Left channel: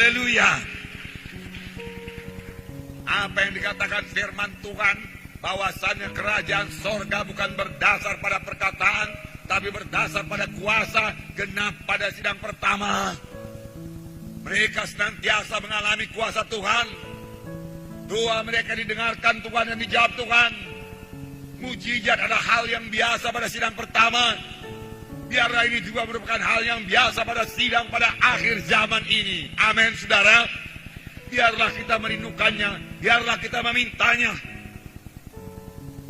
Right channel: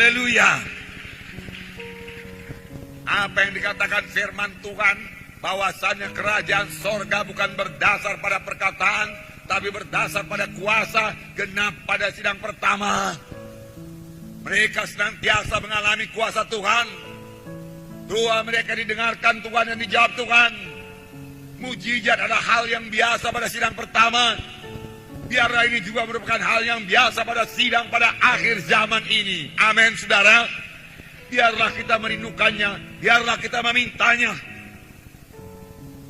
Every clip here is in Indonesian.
Haleluya. Apa yang dikatakan firman Tuhan, bahwasanya kerajaan sorga bukan berdasar pada perkataan, tapi berdasar pada kuasa, genap pada sidang pertama. Mereka senantiasa mengalami kuasa Tuhan. Doa mereka didengarkan Tuhan dan dijawab Tuhan. Mujizat adalah hal yang biasa pada sidang pertama. Biarlah ini juga merupakan hal yang biasa pada sidang pada akhir zaman ini. Amin, saudara. Biarlah kita merindukannya, biarlah kita memintanya.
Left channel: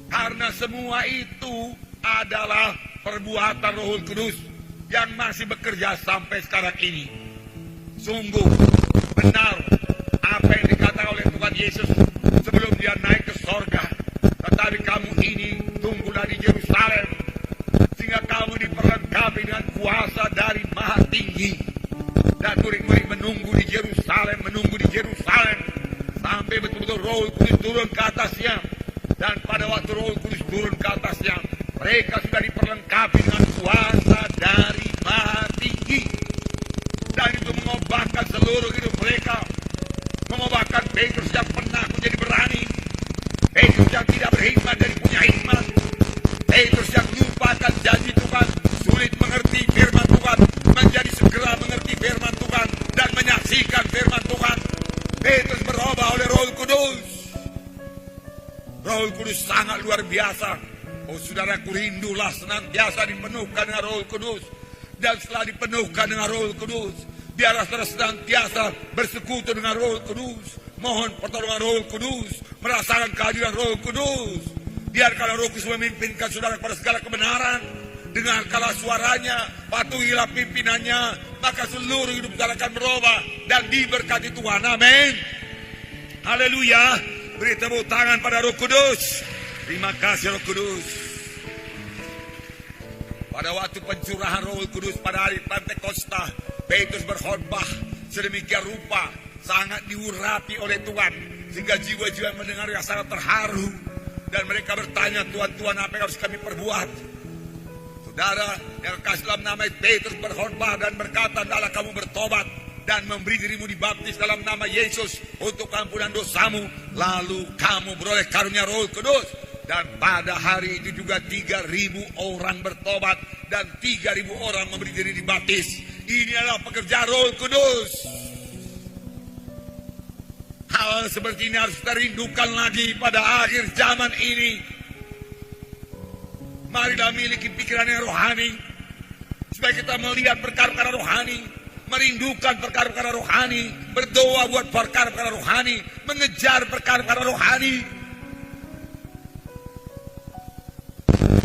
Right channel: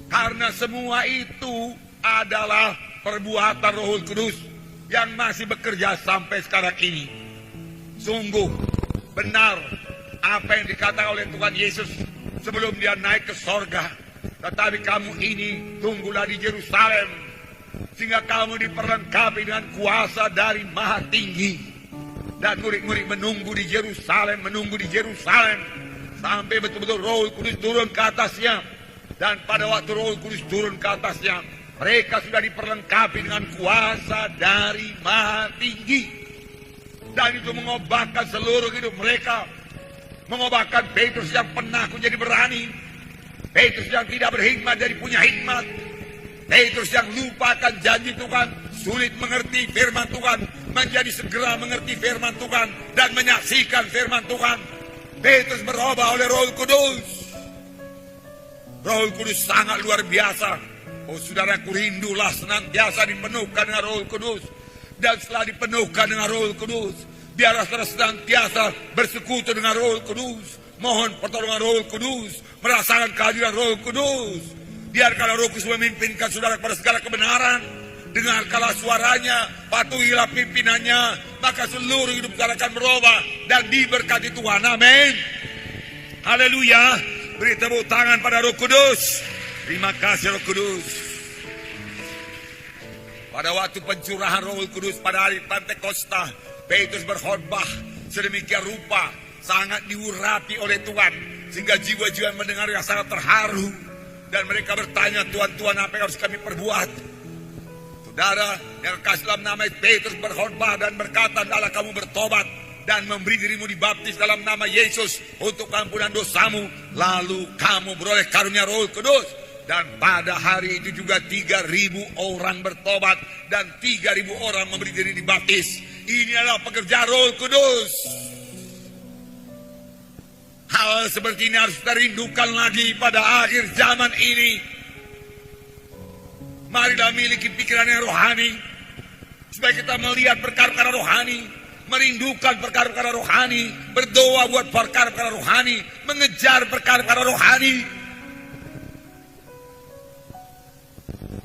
Karena semua itu adalah perbuatan Roh Kudus yang masih bekerja sampai sekarang ini. Sungguh benar apa yang dikatakan oleh Tuhan Yesus sebelum dia naik ke sorga. Tetapi kamu ini tunggulah di Yerusalem, sehingga kamu diperlengkapi dengan kuasa dari Maha Tinggi. Dan murid-murid menunggu di Yerusalem, sampai betul-betul Roh Kudus turun ke atasnya. Dan pada waktu Roh Kudus turun ke atasnya, mereka sudah diperlengkapi dengan kuasa dari Maha Tinggi. Dan itu mengobatkan seluruh hidup mereka, mengobatkan Petrus yang pernah menjadi berani, Petrus yang tidak berhikmat jadi punya hikmat, Petrus yang lupakan janji Tuhan, sulit mengerti firman Tuhan, menjadi segera mengerti firman Tuhan dan menyaksikan firman Tuhan. Petrus berubah oleh Roh Kudus. Roh Kudus sangat luar biasa. Oh saudaraku, rindulah senantiasa dipenuhkan dengan Roh Kudus. Dan setelah dipenuhkan dengan Roh Kudus, biarlah saudara senantiasa bersekutu dengan Roh Kudus, mohon pertolongan Roh Kudus, merasakan kehadiran Roh Kudus. Biarkanlah Roh Kudus memimpinkan saudara kepada segala kebenaran. Dengarkanlah suaranya, patuhilah pimpinannya, maka seluruh hidup saudara akan berubah dan diberkati Tuhan. Amin. Haleluya. Beri tepuk tangan pada Roh Kudus. Terima kasih Roh Kudus. Pada waktu pencurahan Roh Kudus pada hari Pentakosta, Petrus berkhotbah sedemikian rupa, sangat diurapi oleh Tuhan, sehingga jiwa-jiwa mendengar yang sangat terharu. Dan mereka bertanya, Tuhan, apa yang harus kami perbuat? Saudara yang kasih dalam nama Petrus berkhotbah dan berkata, hendaklah kamu bertobat dan memberi dirimu dibaptis dalam nama Yesus untuk ampunan dosamu, lalu kamu beroleh karunia Roh Kudus. Dan pada hari itu juga 3.000 orang bertobat dan 3.000 orang memberi diri dibaptis. Ini adalah pekerjaan Roh Kudus. Hal seperti ini harus kita rindukan lagi pada akhir zaman ini. Marilah miliki pikiran yang rohani, supaya kita melihat perkara-perkara rohani, merindukan perkara-perkara rohani, berdoa buat perkara-perkara rohani, mengejar perkara-perkara rohani.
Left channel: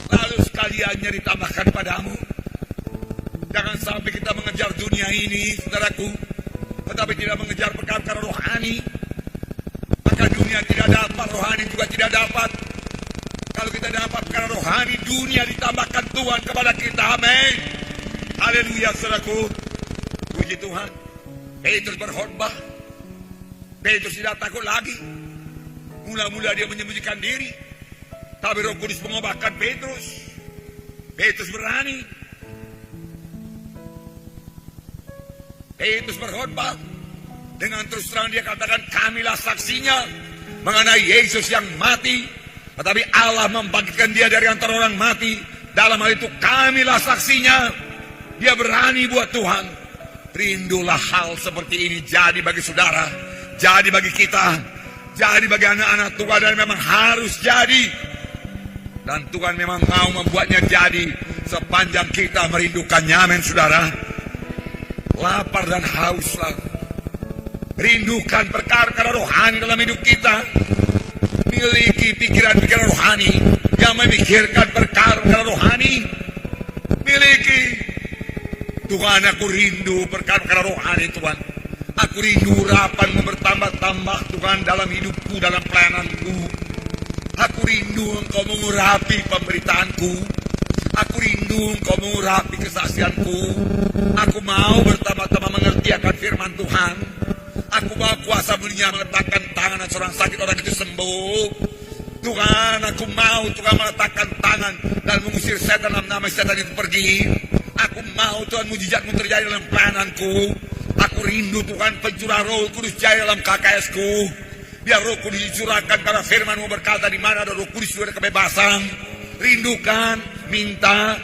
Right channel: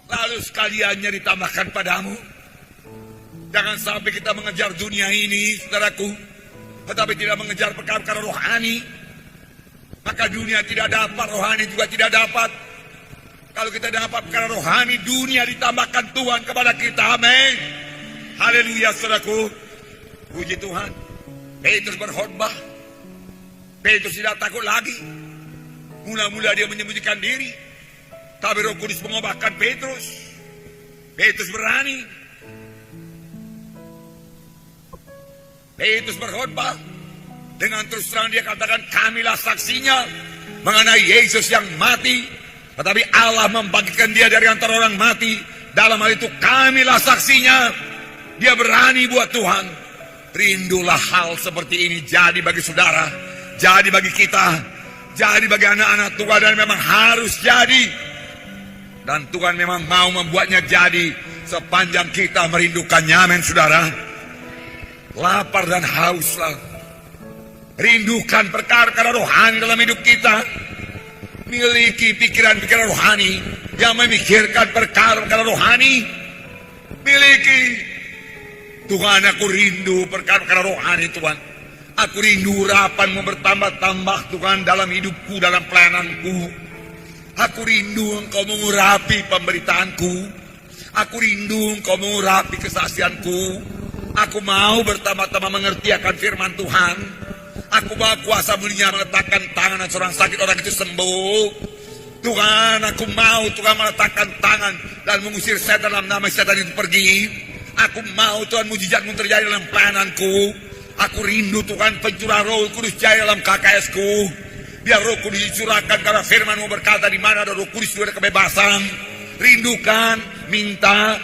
Lalu sekaliannya ditambahkan padamu, jangan sampai kita mengejar dunia ini, saudaraku, tetapi tidak mengejar perkara-perkara rohani. Maka dunia tidak dapat, rohani juga tidak dapat. Kalau kita dapat perkara rohani, dunia ditambahkan Tuhan kepada kita. Amin. Haleluya, saudaraku. Puji Tuhan. Petrus berkhotbah. Petrus tidak takut lagi. Mula-mula dia menyembunyikan diri, tapi Roh Kudus mengubahkan Petrus. Petrus berani. Petrus berkhotbah. Dengan terus terang dia katakan, kamilah saksinya mengenai Yesus yang mati, tetapi Allah membangkitkan dia dari antara orang mati. Dalam hal itu kamilah saksinya. Dia berani buat Tuhan. Rindulah hal seperti ini jadi bagi saudara, jadi bagi kita, jadi bagi anak-anak Tuhan, dan memang harus jadi. Dan Tuhan memang mau membuatnya jadi sepanjang kita merindukannya. Amin, saudara. Lapar dan hauslah. Rindukan perkara-perkara rohani dalam hidup kita. Miliki pikiran-pikiran rohani yang memikirkan perkara-perkara rohani. Miliki. Tuhan, aku rindu perkara-perkara rohani, Tuhan. Aku rindu urapanmu bertambah-tambah, Tuhan, dalam hidupku, dalam pelayananku. Aku rindu Engkau mengurapi pemberitaanku. Aku rindu Engkau mengurapi kesaksianku. Aku mau bertambah-tambah mengerti akan firman Tuhan. Aku bawa kuasa mulia meletakkan tangan dan seorang sakit, orang itu sembuh. Tuhan, aku mau Tuhan meletakkan tangan dan mengusir setan dalam nama setan itu pergi. Aku mau Tuhan mujizatmu terjadi dalam pelayananku. Aku rindu Tuhan pencurah Roh Kudus jaya dalam KKS-ku. Biar Roh Kudus dicurahkan karena firman-Mu berkata di mana ada Roh Kudus ada kebebasan. Rindukan, minta.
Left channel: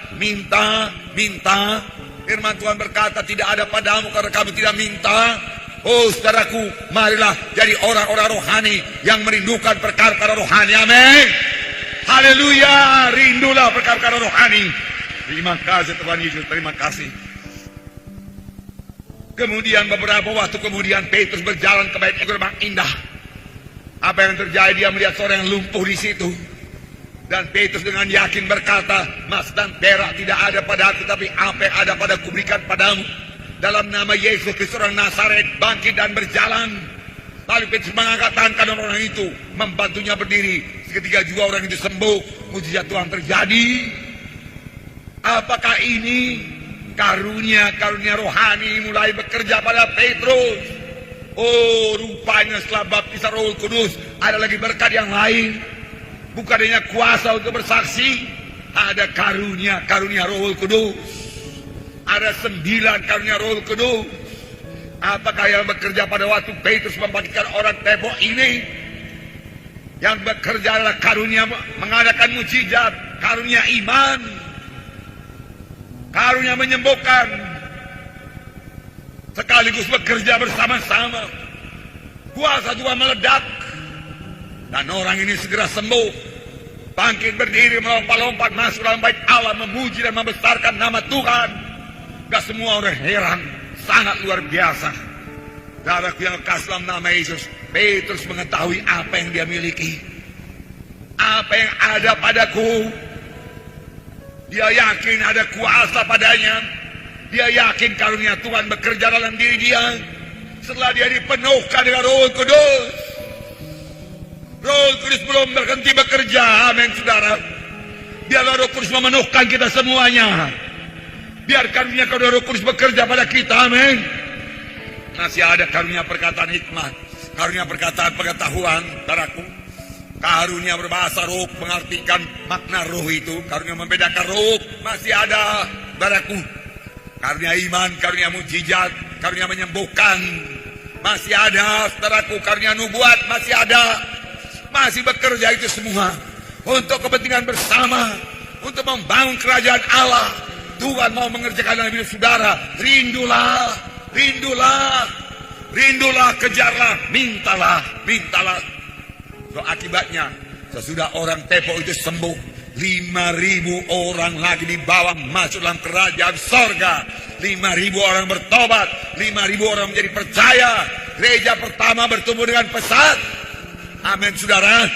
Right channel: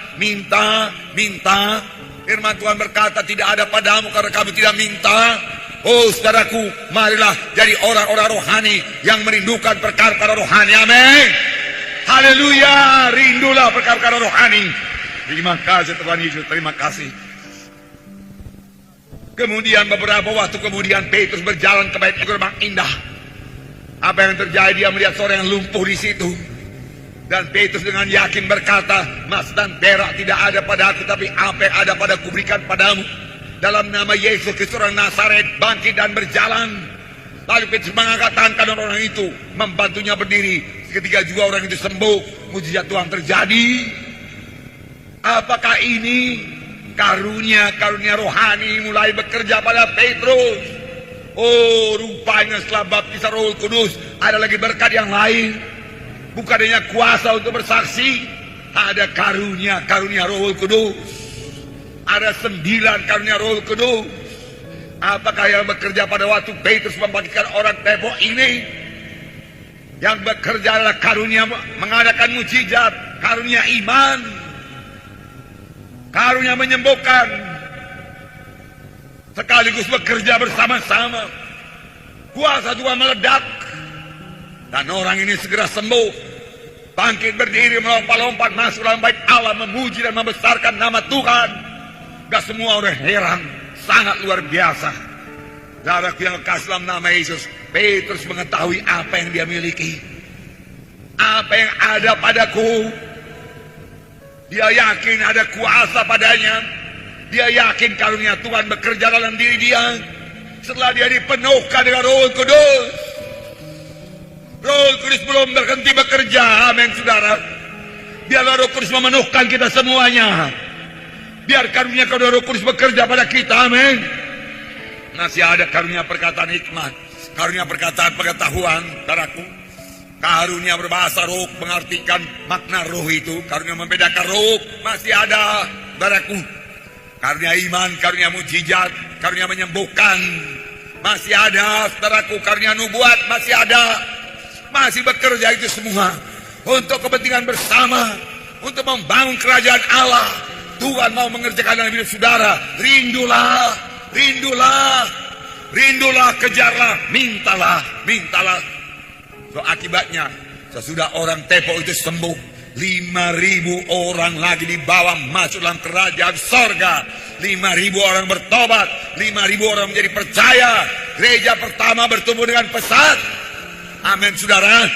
Firman Tuhan berkata tidak ada padamu karena kamu tidak minta. Oh saudaraku, marilah jadi orang-orang rohani yang merindukan perkara-perkara rohani. Amin. Haleluya, rindulah perkara-perkara rohani. Terima kasih Tuhan Yesus, terima kasih. Kemudian beberapa waktu kemudian Petrus berjalan ke bait gerbang indah. Apa yang terjadi? Dia melihat seorang yang lumpuh di situ. Dan Petrus dengan yakin berkata, emas dan perak tidak ada padaku, tapi apa yang ada padaku berikan padamu. Dalam nama Yesus Kristus orang Nazaret, bangkit dan berjalan. Lalu Petrus mengangkat tangan kanan orang itu, membantunya berdiri. Ketika juga orang itu sembuh, mujizat Tuhan terjadi. Apakah ini karunia rohani mulai bekerja pada Petrus? Oh, rupanya setelah baptisan Roh Kudus ada lagi berkat yang lain. Bukan hanya kuasa untuk bersaksi, ada karunia Roh Kudus. Ada 9 karunia Roh Kudus. Apakah yang bekerja pada waktu Petrus membangkitkan orang tepok ini? Yang bekerja adalah karunia mengadakan mujizat, karunia iman, karunia menyembuhkan, sekaligus bekerja bersama-sama. Kuasa Tuhan meledak, dan orang ini segera sembuh, bangkit berdiri, melompat-lompat masuk dalam bait Allah, memuji dan membesarkan nama Tuhan. Dan semua orang heran, sangat luar biasa. Saudaraku yang kasih dalam nama Yesus, Petrus mengetahui apa yang dia miliki, apa yang ada padaku. Dia yakin ada kuasa padanya. Dia yakin karunia Tuhan bekerja dalam diri dia. Setelah dia dipenuhkan dengan Roh Kudus. Roh Kudus belum berhenti bekerja. Amin saudara. Biarlah Roh Kudus memenuhkan kita semuanya. Biar karunia Roh Kudus bekerja pada kita. Amin. Masih ada karunia perkataan hikmat, karunia perkataan pengetahuan, saudaraku. Karunia berbahasa roh, mengartikan makna roh itu, karunia membedakan roh, masih ada, saudaraku. Karunia iman, karunia mujizat, karunia menyembuhkan, masih ada, saudaraku. Karunia nubuat, masih ada, masih bekerja itu semua untuk kepentingan bersama, untuk membangun kerajaan Allah. Tuhan mau mengerjakan dalam hidup saudara. Rindulah, kejarlah, mintalah. So, akibatnya sesudah orang tepok itu sembuh, 5.000 orang lagi dibawa masuk dalam kerajaan sorga. 5.000 orang bertobat, 5.000 orang menjadi percaya. Gereja pertama bertumbuh dengan pesat. Amin saudara.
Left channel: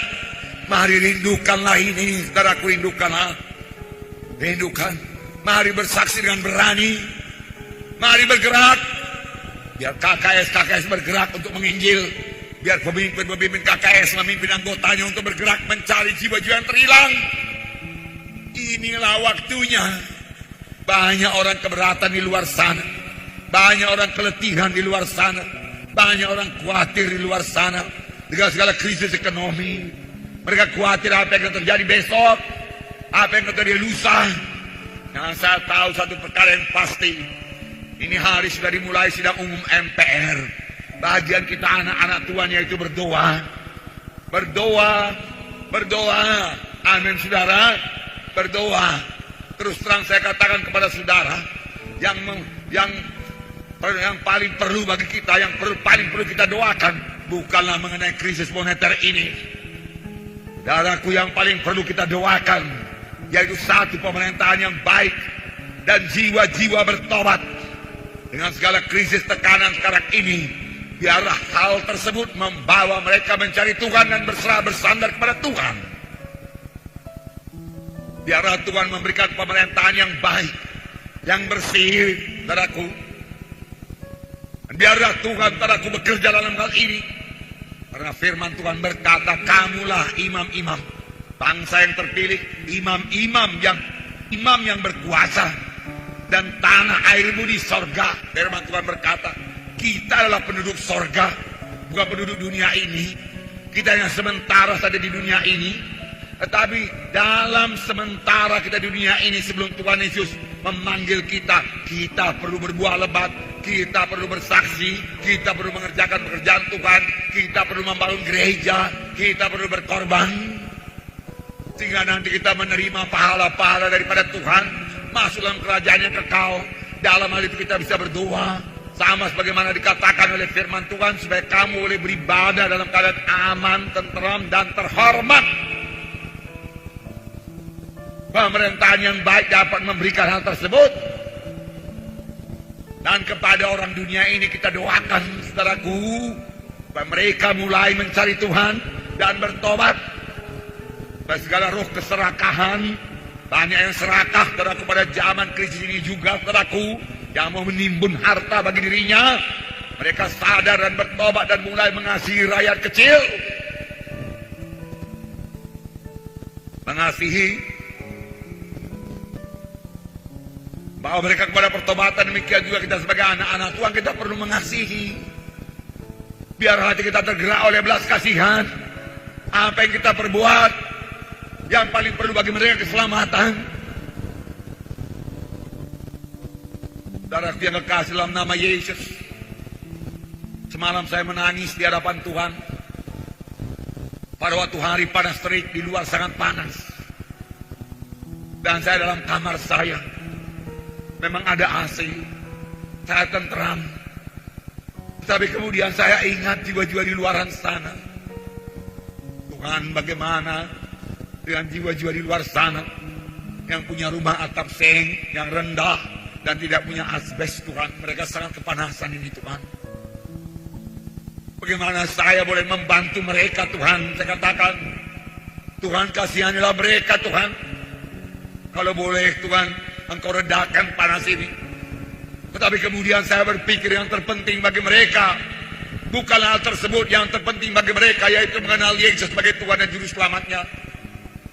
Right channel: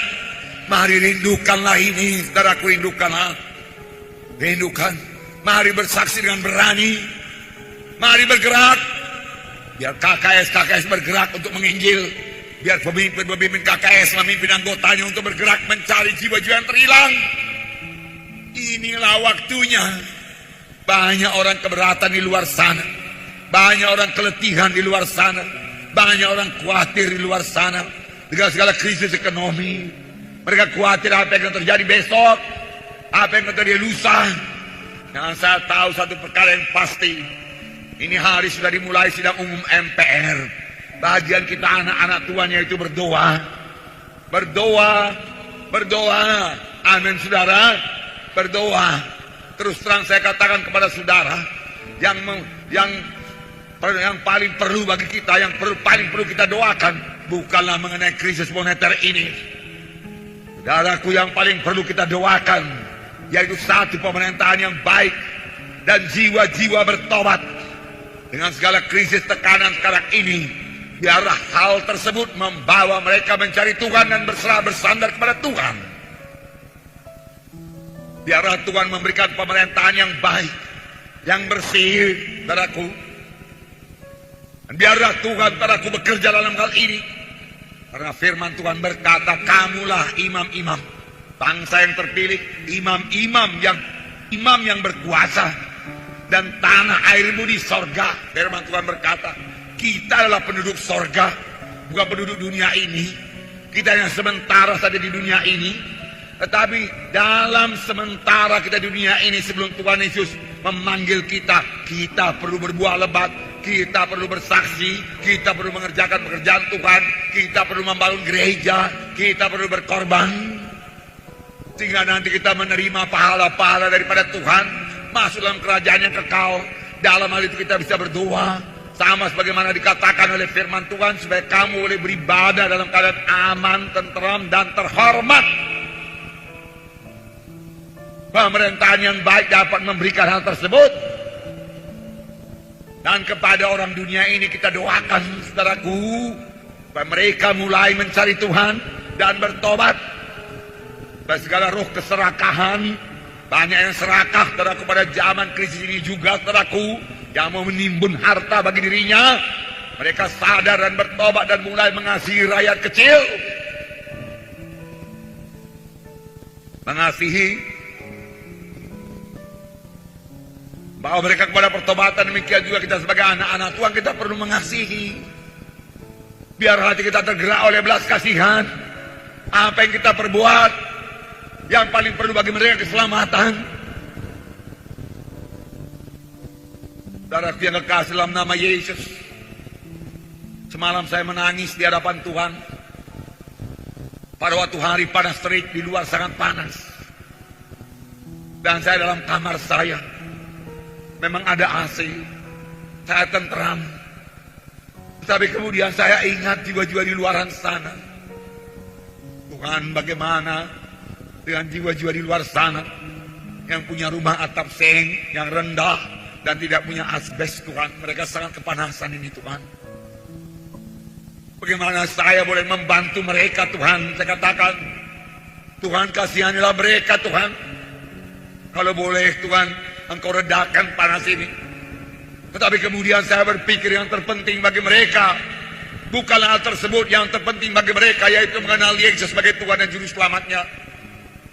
Mari rindukanlah ini, saudaraku, rindukan. Mari bersaksi dengan berani. Mari bergerak. Biar KKS bergerak untuk menginjil. Biar pemimpin KKS memimpin anggotanya untuk bergerak mencari jiwa-jiwa yang terhilang. Inilah waktunya. Banyak orang keberatan di luar sana. Banyak orang keletihan di luar sana. Banyak orang khawatir di luar sana dengan segala krisis ekonomi. Mereka khawatir apa yang akan terjadi besok, apa yang akan terjadi lusa. Nah, saya tahu satu perkara yang pasti. Ini hari sudah dimulai sidang umum MPR. Bagian kita anak-anak Tuhan yaitu berdoa. Amin saudara. Berdoa. Terus terang saya katakan kepada saudara, yang paling perlu bagi kita, yang paling perlu kita doakan, bukanlah mengenai krisis moneter ini. Saudaraku, yang paling perlu kita doakan yaitu satu pemerintahan yang baik dan jiwa-jiwa bertobat. Dengan segala krisis tekanan sekarang ini, biarlah hal tersebut membawa mereka mencari Tuhan dan berserah bersandar kepada Tuhan. Biarlah Tuhan memberikan pemerintahan yang baik, yang bersih, saudaraku. Biarlah Tuhan, saudaraku, bekerja dalam hal ini. Karena firman Tuhan berkata, kamulah imam-imam, bangsa yang terpilih, imam yang berkuasa. Dan tanah airmu di sorga. Firman Tuhan berkata, kita adalah penduduk sorga, bukan penduduk dunia ini. Kita yang sementara saja di dunia ini. Tetapi dalam sementara kita di dunia ini, sebelum Tuhan Yesus memanggil kita, kita perlu berbuah lebat. kita perlu bersaksi, kita perlu mengerjakan pekerjaan Tuhan, kita perlu membangun gereja, kita perlu berkorban. Sehingga nanti kita menerima pahala-pahala daripada Tuhan, masuk dalam kerajaan yang kekal. Dalam hal itu kita bisa berdoa, sama sebagaimana dikatakan oleh firman Tuhan, supaya kamu boleh beribadah dalam keadaan aman, tenteram, dan terhormat. Pemerintahan yang baik dapat memberikan hal tersebut. Dan kepada orang dunia ini kita doakan, saudaraku, supaya mereka mulai mencari Tuhan dan bertobat. Dan segala roh keserakahan, banyak yang serakah, saudaraku, pada zaman krisis ini juga, saudaraku, yang mau menimbun harta bagi dirinya. Mereka sadar dan bertobat dan mulai mengasihi rakyat kecil. Mengasihi bahwa mereka kepada pertobatan, demikian juga kita sebagai anak-anak Tuhan, kita perlu mengasihi. Biar hati kita tergerak oleh belas kasihan. Apa yang kita perbuat, yang paling perlu bagi mereka keselamatan. Saudara yang kekasih dalam nama Yesus, semalam saya menangis di hadapan Tuhan. Pada waktu hari panas terik, di luar sangat panas, dan saya dalam kamar saya. Memang ada AC, saya tenteram. Tapi kemudian saya ingat jiwa-jiwa di luaran sana. Tuhan, bagaimana dengan jiwa-jiwa di luar sana yang punya rumah atap seng yang rendah dan tidak punya asbes, Tuhan. Mereka sangat kepanasan ini, Tuhan. Bagaimana saya boleh membantu mereka, Tuhan? Saya katakan, Tuhan, kasihanilah mereka, Tuhan. Kalau boleh, Tuhan, Engkau redakan panas ini. Tetapi kemudian saya berpikir yang terpenting bagi mereka bukanlah hal tersebut. Yang terpenting bagi mereka yaitu mengenal Yesus sebagai Tuhan dan Juru Selamatnya.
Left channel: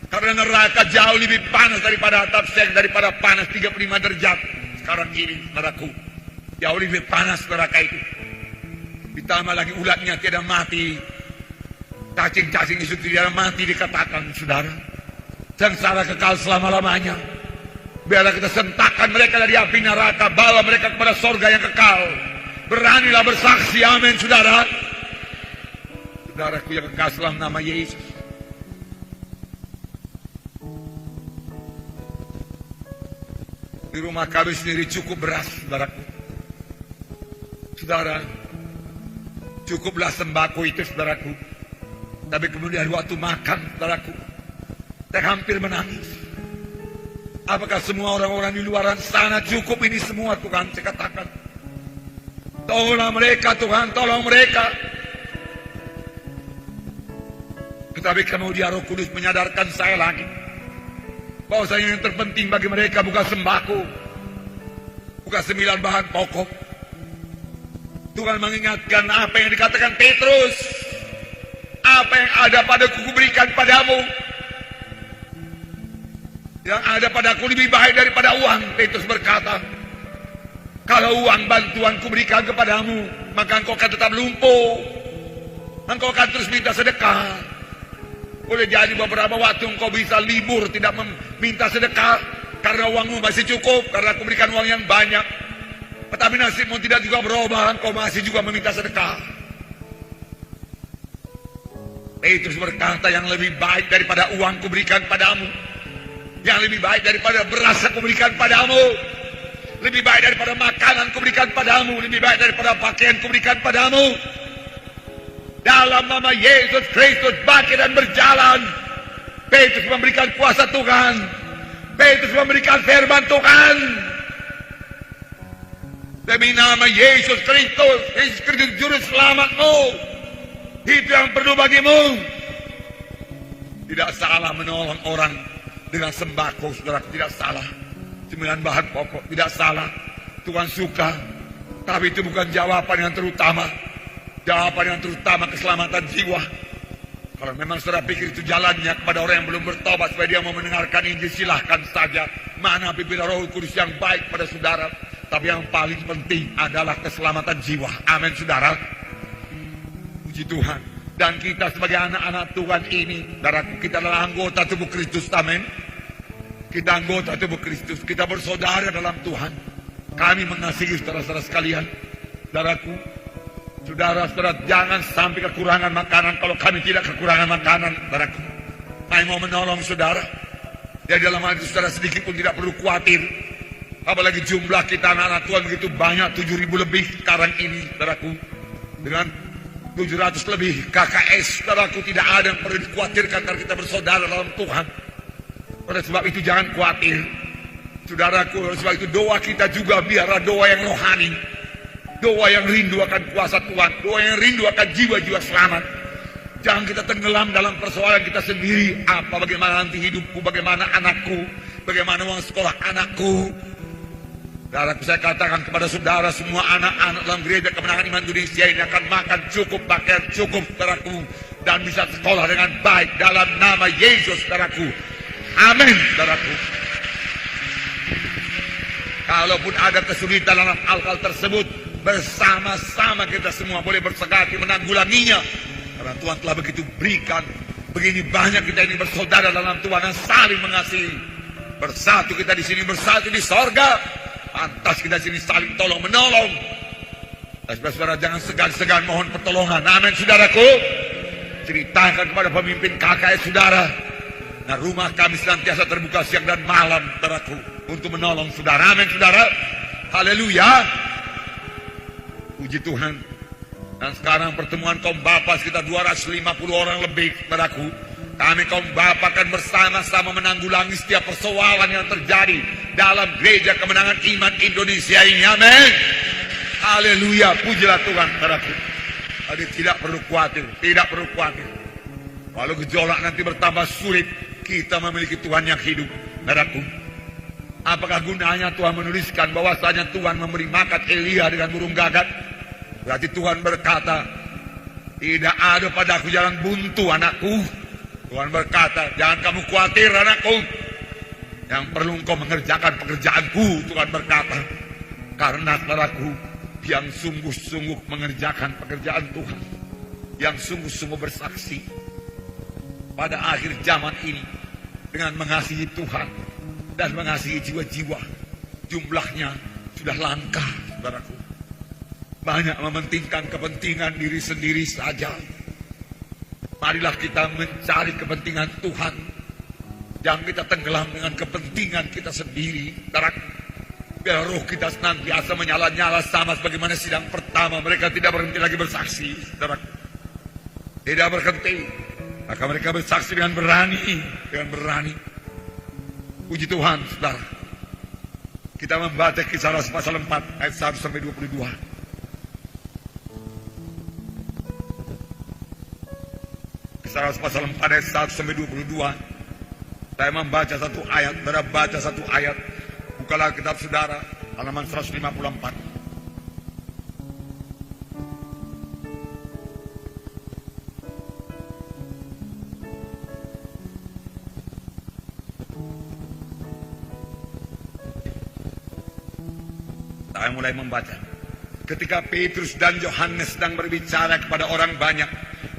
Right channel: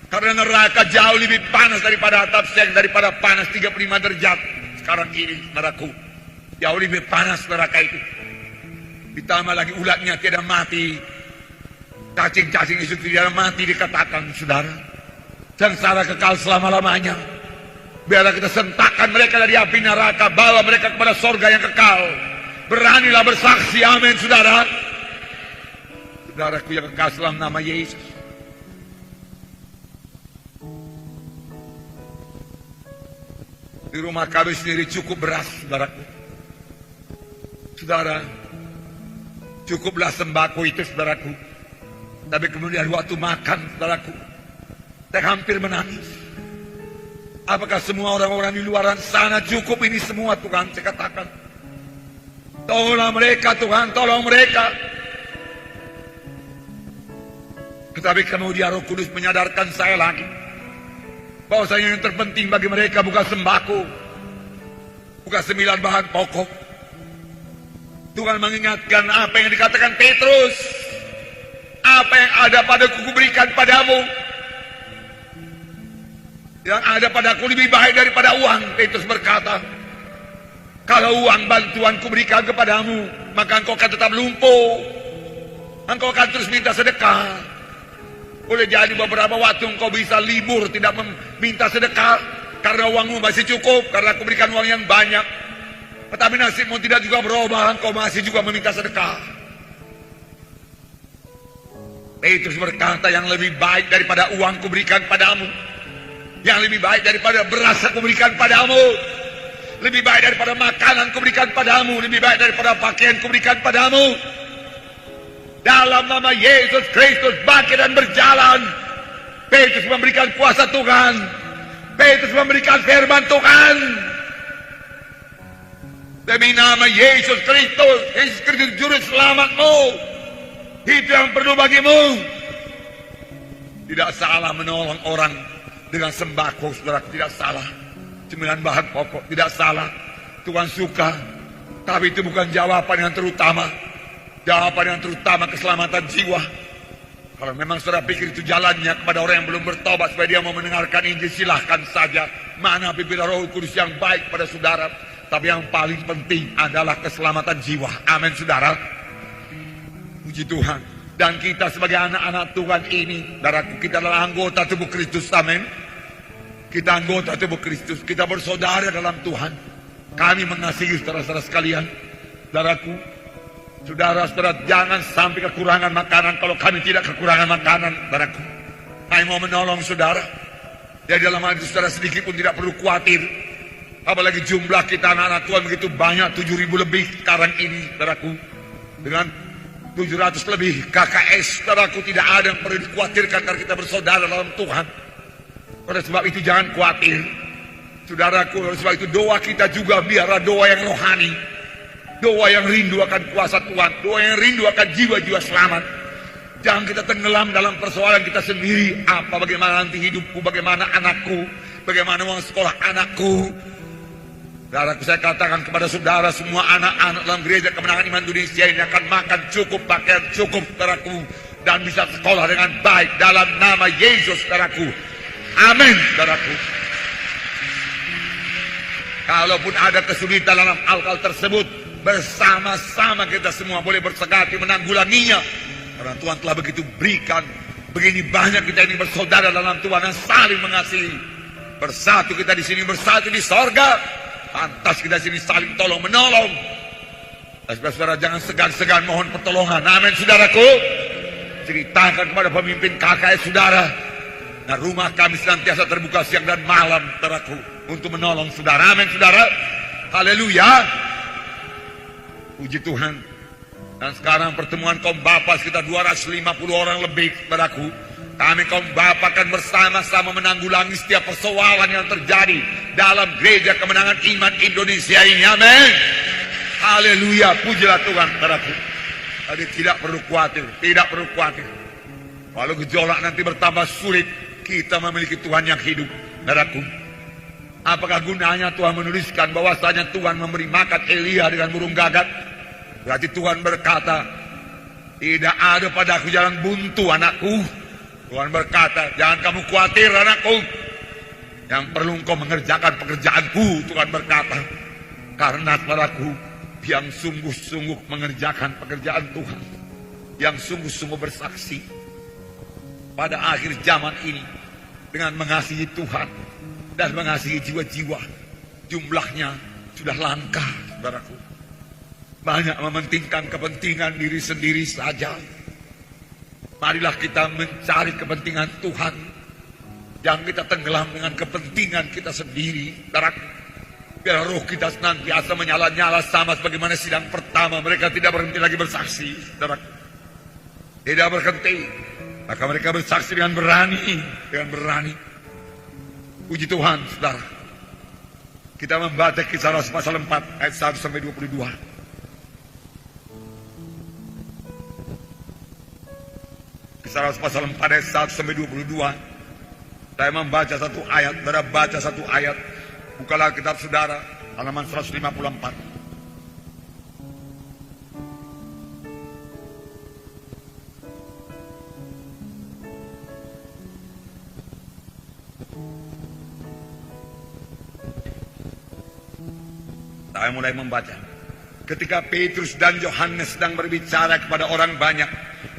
Karena neraka jauh lebih panas daripada atap seng, daripada panas 35 derajat sekarang ini, saudaraku. Jauh lebih panas neraka itu. Ditambah lagi ulatnya tidak mati, cacing-cacing itu tidak mati, dikatakan, saudara. Sengsara kekal selama-lamanya. Biarlah kita sentakkan mereka dari api neraka, bawa mereka kepada sorga yang kekal. Beranilah bersaksi, amin, saudara. Saudara yang kekal dalam nama Yesus. Di rumah kami sendiri cukup beras, saudaraku. Saudara, cukuplah sembako itu, saudaraku. Tapi kemudian waktu makan, saudaraku, saya hampir menangis. Apakah semua orang-orang di luar sana cukup ini semua, Tuhan? Saya katakan, tolonglah mereka, Tuhan, tolong mereka. Tetapi kemudian Roh Kudus menyadarkan saya lagi bahwasanya yang terpenting bagi mereka bukan sembako, bukan 9 bahan pokok. Tuhan mengingatkan apa yang dikatakan Petrus, apa yang ada padaku kuberikan padamu. Yang ada padaku lebih baik daripada uang. Petrus berkata, kalau uang bantuan kuberikan kepadamu, maka engkau akan tetap lumpuh. Engkau akan terus minta sedekah. Boleh jadi beberapa waktu engkau bisa libur, tidak meminta sedekah, karena uangmu masih cukup, karena aku berikan uang yang banyak. Tetapi nasibmu tidak juga berubah, engkau masih juga meminta sedekah. Petrus berkata, yang lebih baik daripada uang kuberikan padamu, yang lebih baik daripada beras aku berikan padamu, lebih baik daripada makanan aku berikan padamu, lebih baik daripada pakaian aku berikan padamu. Dalam nama Yesus Kristus baca dan berjalan. Petrus memberikan kuasa Tuhan, Petrus memberikan firman Tuhan. Demi nama Yesus Kristus, Yesus Kristus Juru Selamatmu, itu yang perlu bagimu. Tidak salah menolong orang dengan sembako, saudara, tidak salah. 9 bahan pokok, tidak salah. Tuhan suka, tapi itu bukan jawaban yang terutama. Jawaban yang terutama keselamatan jiwa. Kalau memang saudara pikir itu jalannya kepada orang yang belum bertobat supaya dia mau mendengarkan Injil, silahkan saja. Mana pimpinan Roh Kudus yang baik pada saudara. Tapi yang paling penting adalah keselamatan jiwa. Amin, saudara. Puji Tuhan. Dan kita sebagai anak-anak Tuhan ini, saudaraku, kita adalah anggota tubuh Kristus. Amin. Kita anggota tubuh Kristus. Kita bersaudara dalam Tuhan. Kami mengasihi saudara-saudara sekalian. Saudaraku, saudara-saudara jangan sampai kekurangan makanan. Kalau kami tidak kekurangan makanan, saudaraku, kami mau menolong saudara. Ya dalam hati saudara sedikit pun tidak perlu khawatir. Apalagi jumlah kita anak-anak Tuhan begitu banyak, 7.000 lebih sekarang ini, saudaraku. Dengan 700 lebih KKS, saudaraku, tidak ada yang perlu dikhawatirkan karena kita bersaudara dalam Tuhan. Oleh sebab itu jangan khawatir. Saudaraku, oleh sebab itu doa kita juga biarlah doa yang rohani. Doa yang rindu akan kuasa Tuhan. Doa yang rindu akan jiwa-jiwa selamat. Jangan kita tenggelam dalam persoalan kita sendiri. Bagaimana nanti hidupku, bagaimana anakku, bagaimana uang sekolah anakku. Saudaraku, saya katakan kepada saudara semua anak-anak dalam gereja Kemenangan Iman Indonesia ini akan makan cukup, pakaian cukup, saudaraku, dan bisa sekolah dengan baik dalam nama Yesus, saudaraku. Amin, saudaraku. Kalaupun ada kesulitan dalam hal-hal tersebut, bersama-sama kita semua boleh bersegati menanggulanginya. Karena Tuhan telah begitu berikan, begini banyak kita ini bersaudara dalam Tuhan dan saling mengasihi. Bersatu kita di sini, bersatu di sorga. Pantas kita di sini saling tolong menolong. Saudara-saudara jangan segan-segan mohon pertolongan. Amin, saudaraku. Ceritakan kepada pemimpin KKS saudara. Nah, rumah kami senantiasa terbuka siang dan malam, saudaraku, untuk menolong saudara. Amin, saudara. Haleluya. Puji Tuhan. Dan sekarang pertemuan kaum Bapa sekitar 250 orang lebih, saudaraku. Kami kaum Bapa akan bersama-sama menanggulangi setiap persoalan yang terjadi dalam gereja Kemenangan Iman Indonesia ini. Amin. Haleluya. Pujilah Tuhan, saudaraku. Jadi tidak perlu khawatir, tidak perlu khawatir. Walau gejolak nanti bertambah sulit, kita memiliki Tuhan yang hidup, saudaraku. Apakah gunanya Tuhan menuliskan bahwasanya Tuhan memberi makan Elia dengan burung gagak? Berarti Tuhan berkata, tidak ada padaku jalan buntu, anakku. Tuhan berkata, jangan kamu khawatir, anakku. Yang perlu engkau mengerjakan pekerjaanku, Tuhan berkata. Karena padaku yang sungguh-sungguh mengerjakan pekerjaan Tuhan, yang sungguh-sungguh bersaksi pada akhir zaman ini dengan mengasihi Tuhan dan mengasihi jiwa-jiwa. Jumlahnya sudah langka, saudaraku. Banyak mementingkan kepentingan diri sendiri saja. Marilah kita mencari kepentingan Tuhan. Jangan kita tenggelam dengan kepentingan kita sendiri, saudaraku. Biar roh kita senantiasa menyala-nyala sama sebagaimana sidang pertama. Mereka tidak berhenti lagi bersaksi, saudaraku. Tidak berhenti. Maka mereka bersaksi dengan berani, Puji Tuhan, saudara. Kita membaca Kisah Rasul pasal 4 ayat 1 sampai 22. Kisah Rasul pasal 4 ayat 1 sampai 22. Saya membaca satu ayat, saudara baca satu ayat. Bukalah kitab saudara, halaman 154. Saya mulai membaca. Ketika Petrus dan Yohanes sedang berbicara kepada orang banyak,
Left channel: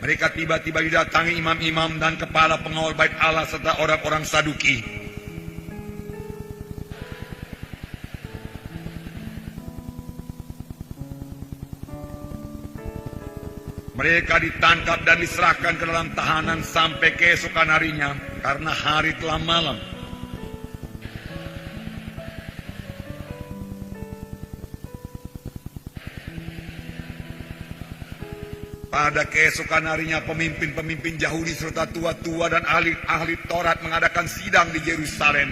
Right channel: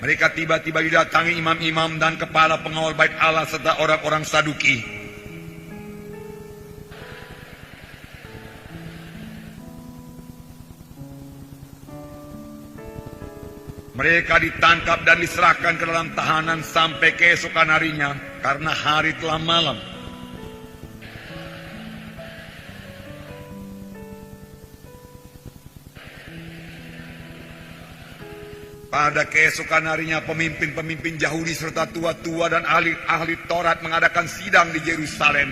mereka tiba-tiba didatangi imam-imam dan kepala pengawal bait Allah serta orang-orang Saduki. Mereka ditangkap dan diserahkan ke dalam tahanan sampai keesokan harinya karena hari telah malam. Pada keesokan harinya pemimpin-pemimpin Yahudi serta tua-tua dan ahli-ahli Taurat mengadakan sidang di Yerusalem.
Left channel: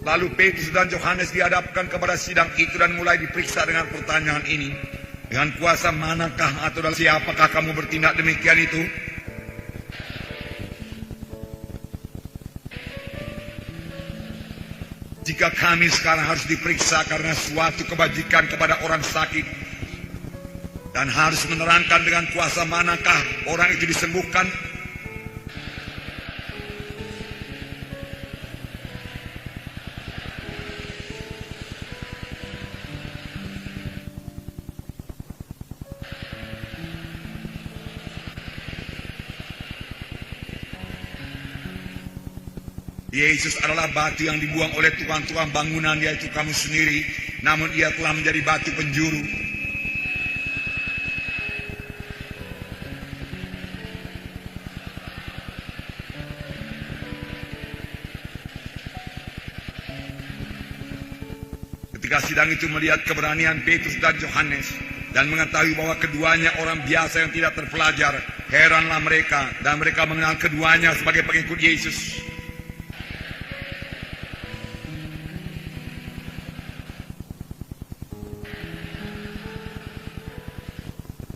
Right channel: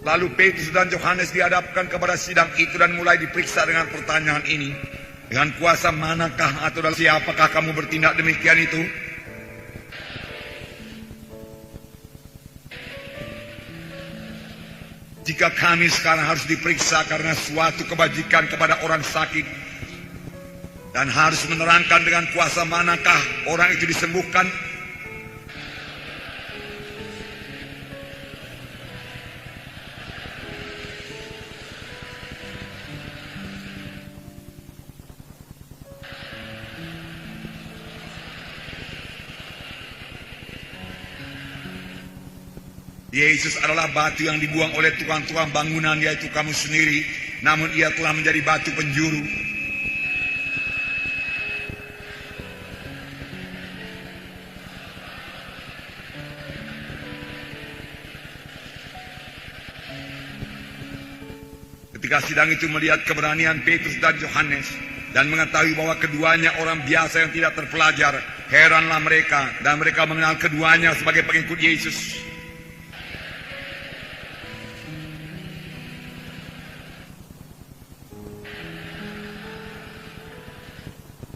Lalu Petrus dan Yohanes dihadapkan kepada sidang itu dan mulai diperiksa dengan pertanyaan ini. Dengan kuasa manakah atau dari siapakah kamu bertindak demikian itu? Jika kami sekarang harus diperiksa karena suatu kebajikan kepada orang sakit dan harus menerangkan dengan kuasa manakah orang itu disembuhkan, Yesus adalah batu yang dibuang oleh tukang-tukang bangunan, yaitu kamu sendiri. Namun ia telah menjadi batu penjuru. Ketika sidang itu melihat keberanian Petrus dan Yohanes dan mengetahui bahwa keduanya orang biasa yang tidak terpelajar, heranlah mereka dan mereka mengenal keduanya sebagai pengikut Yesus.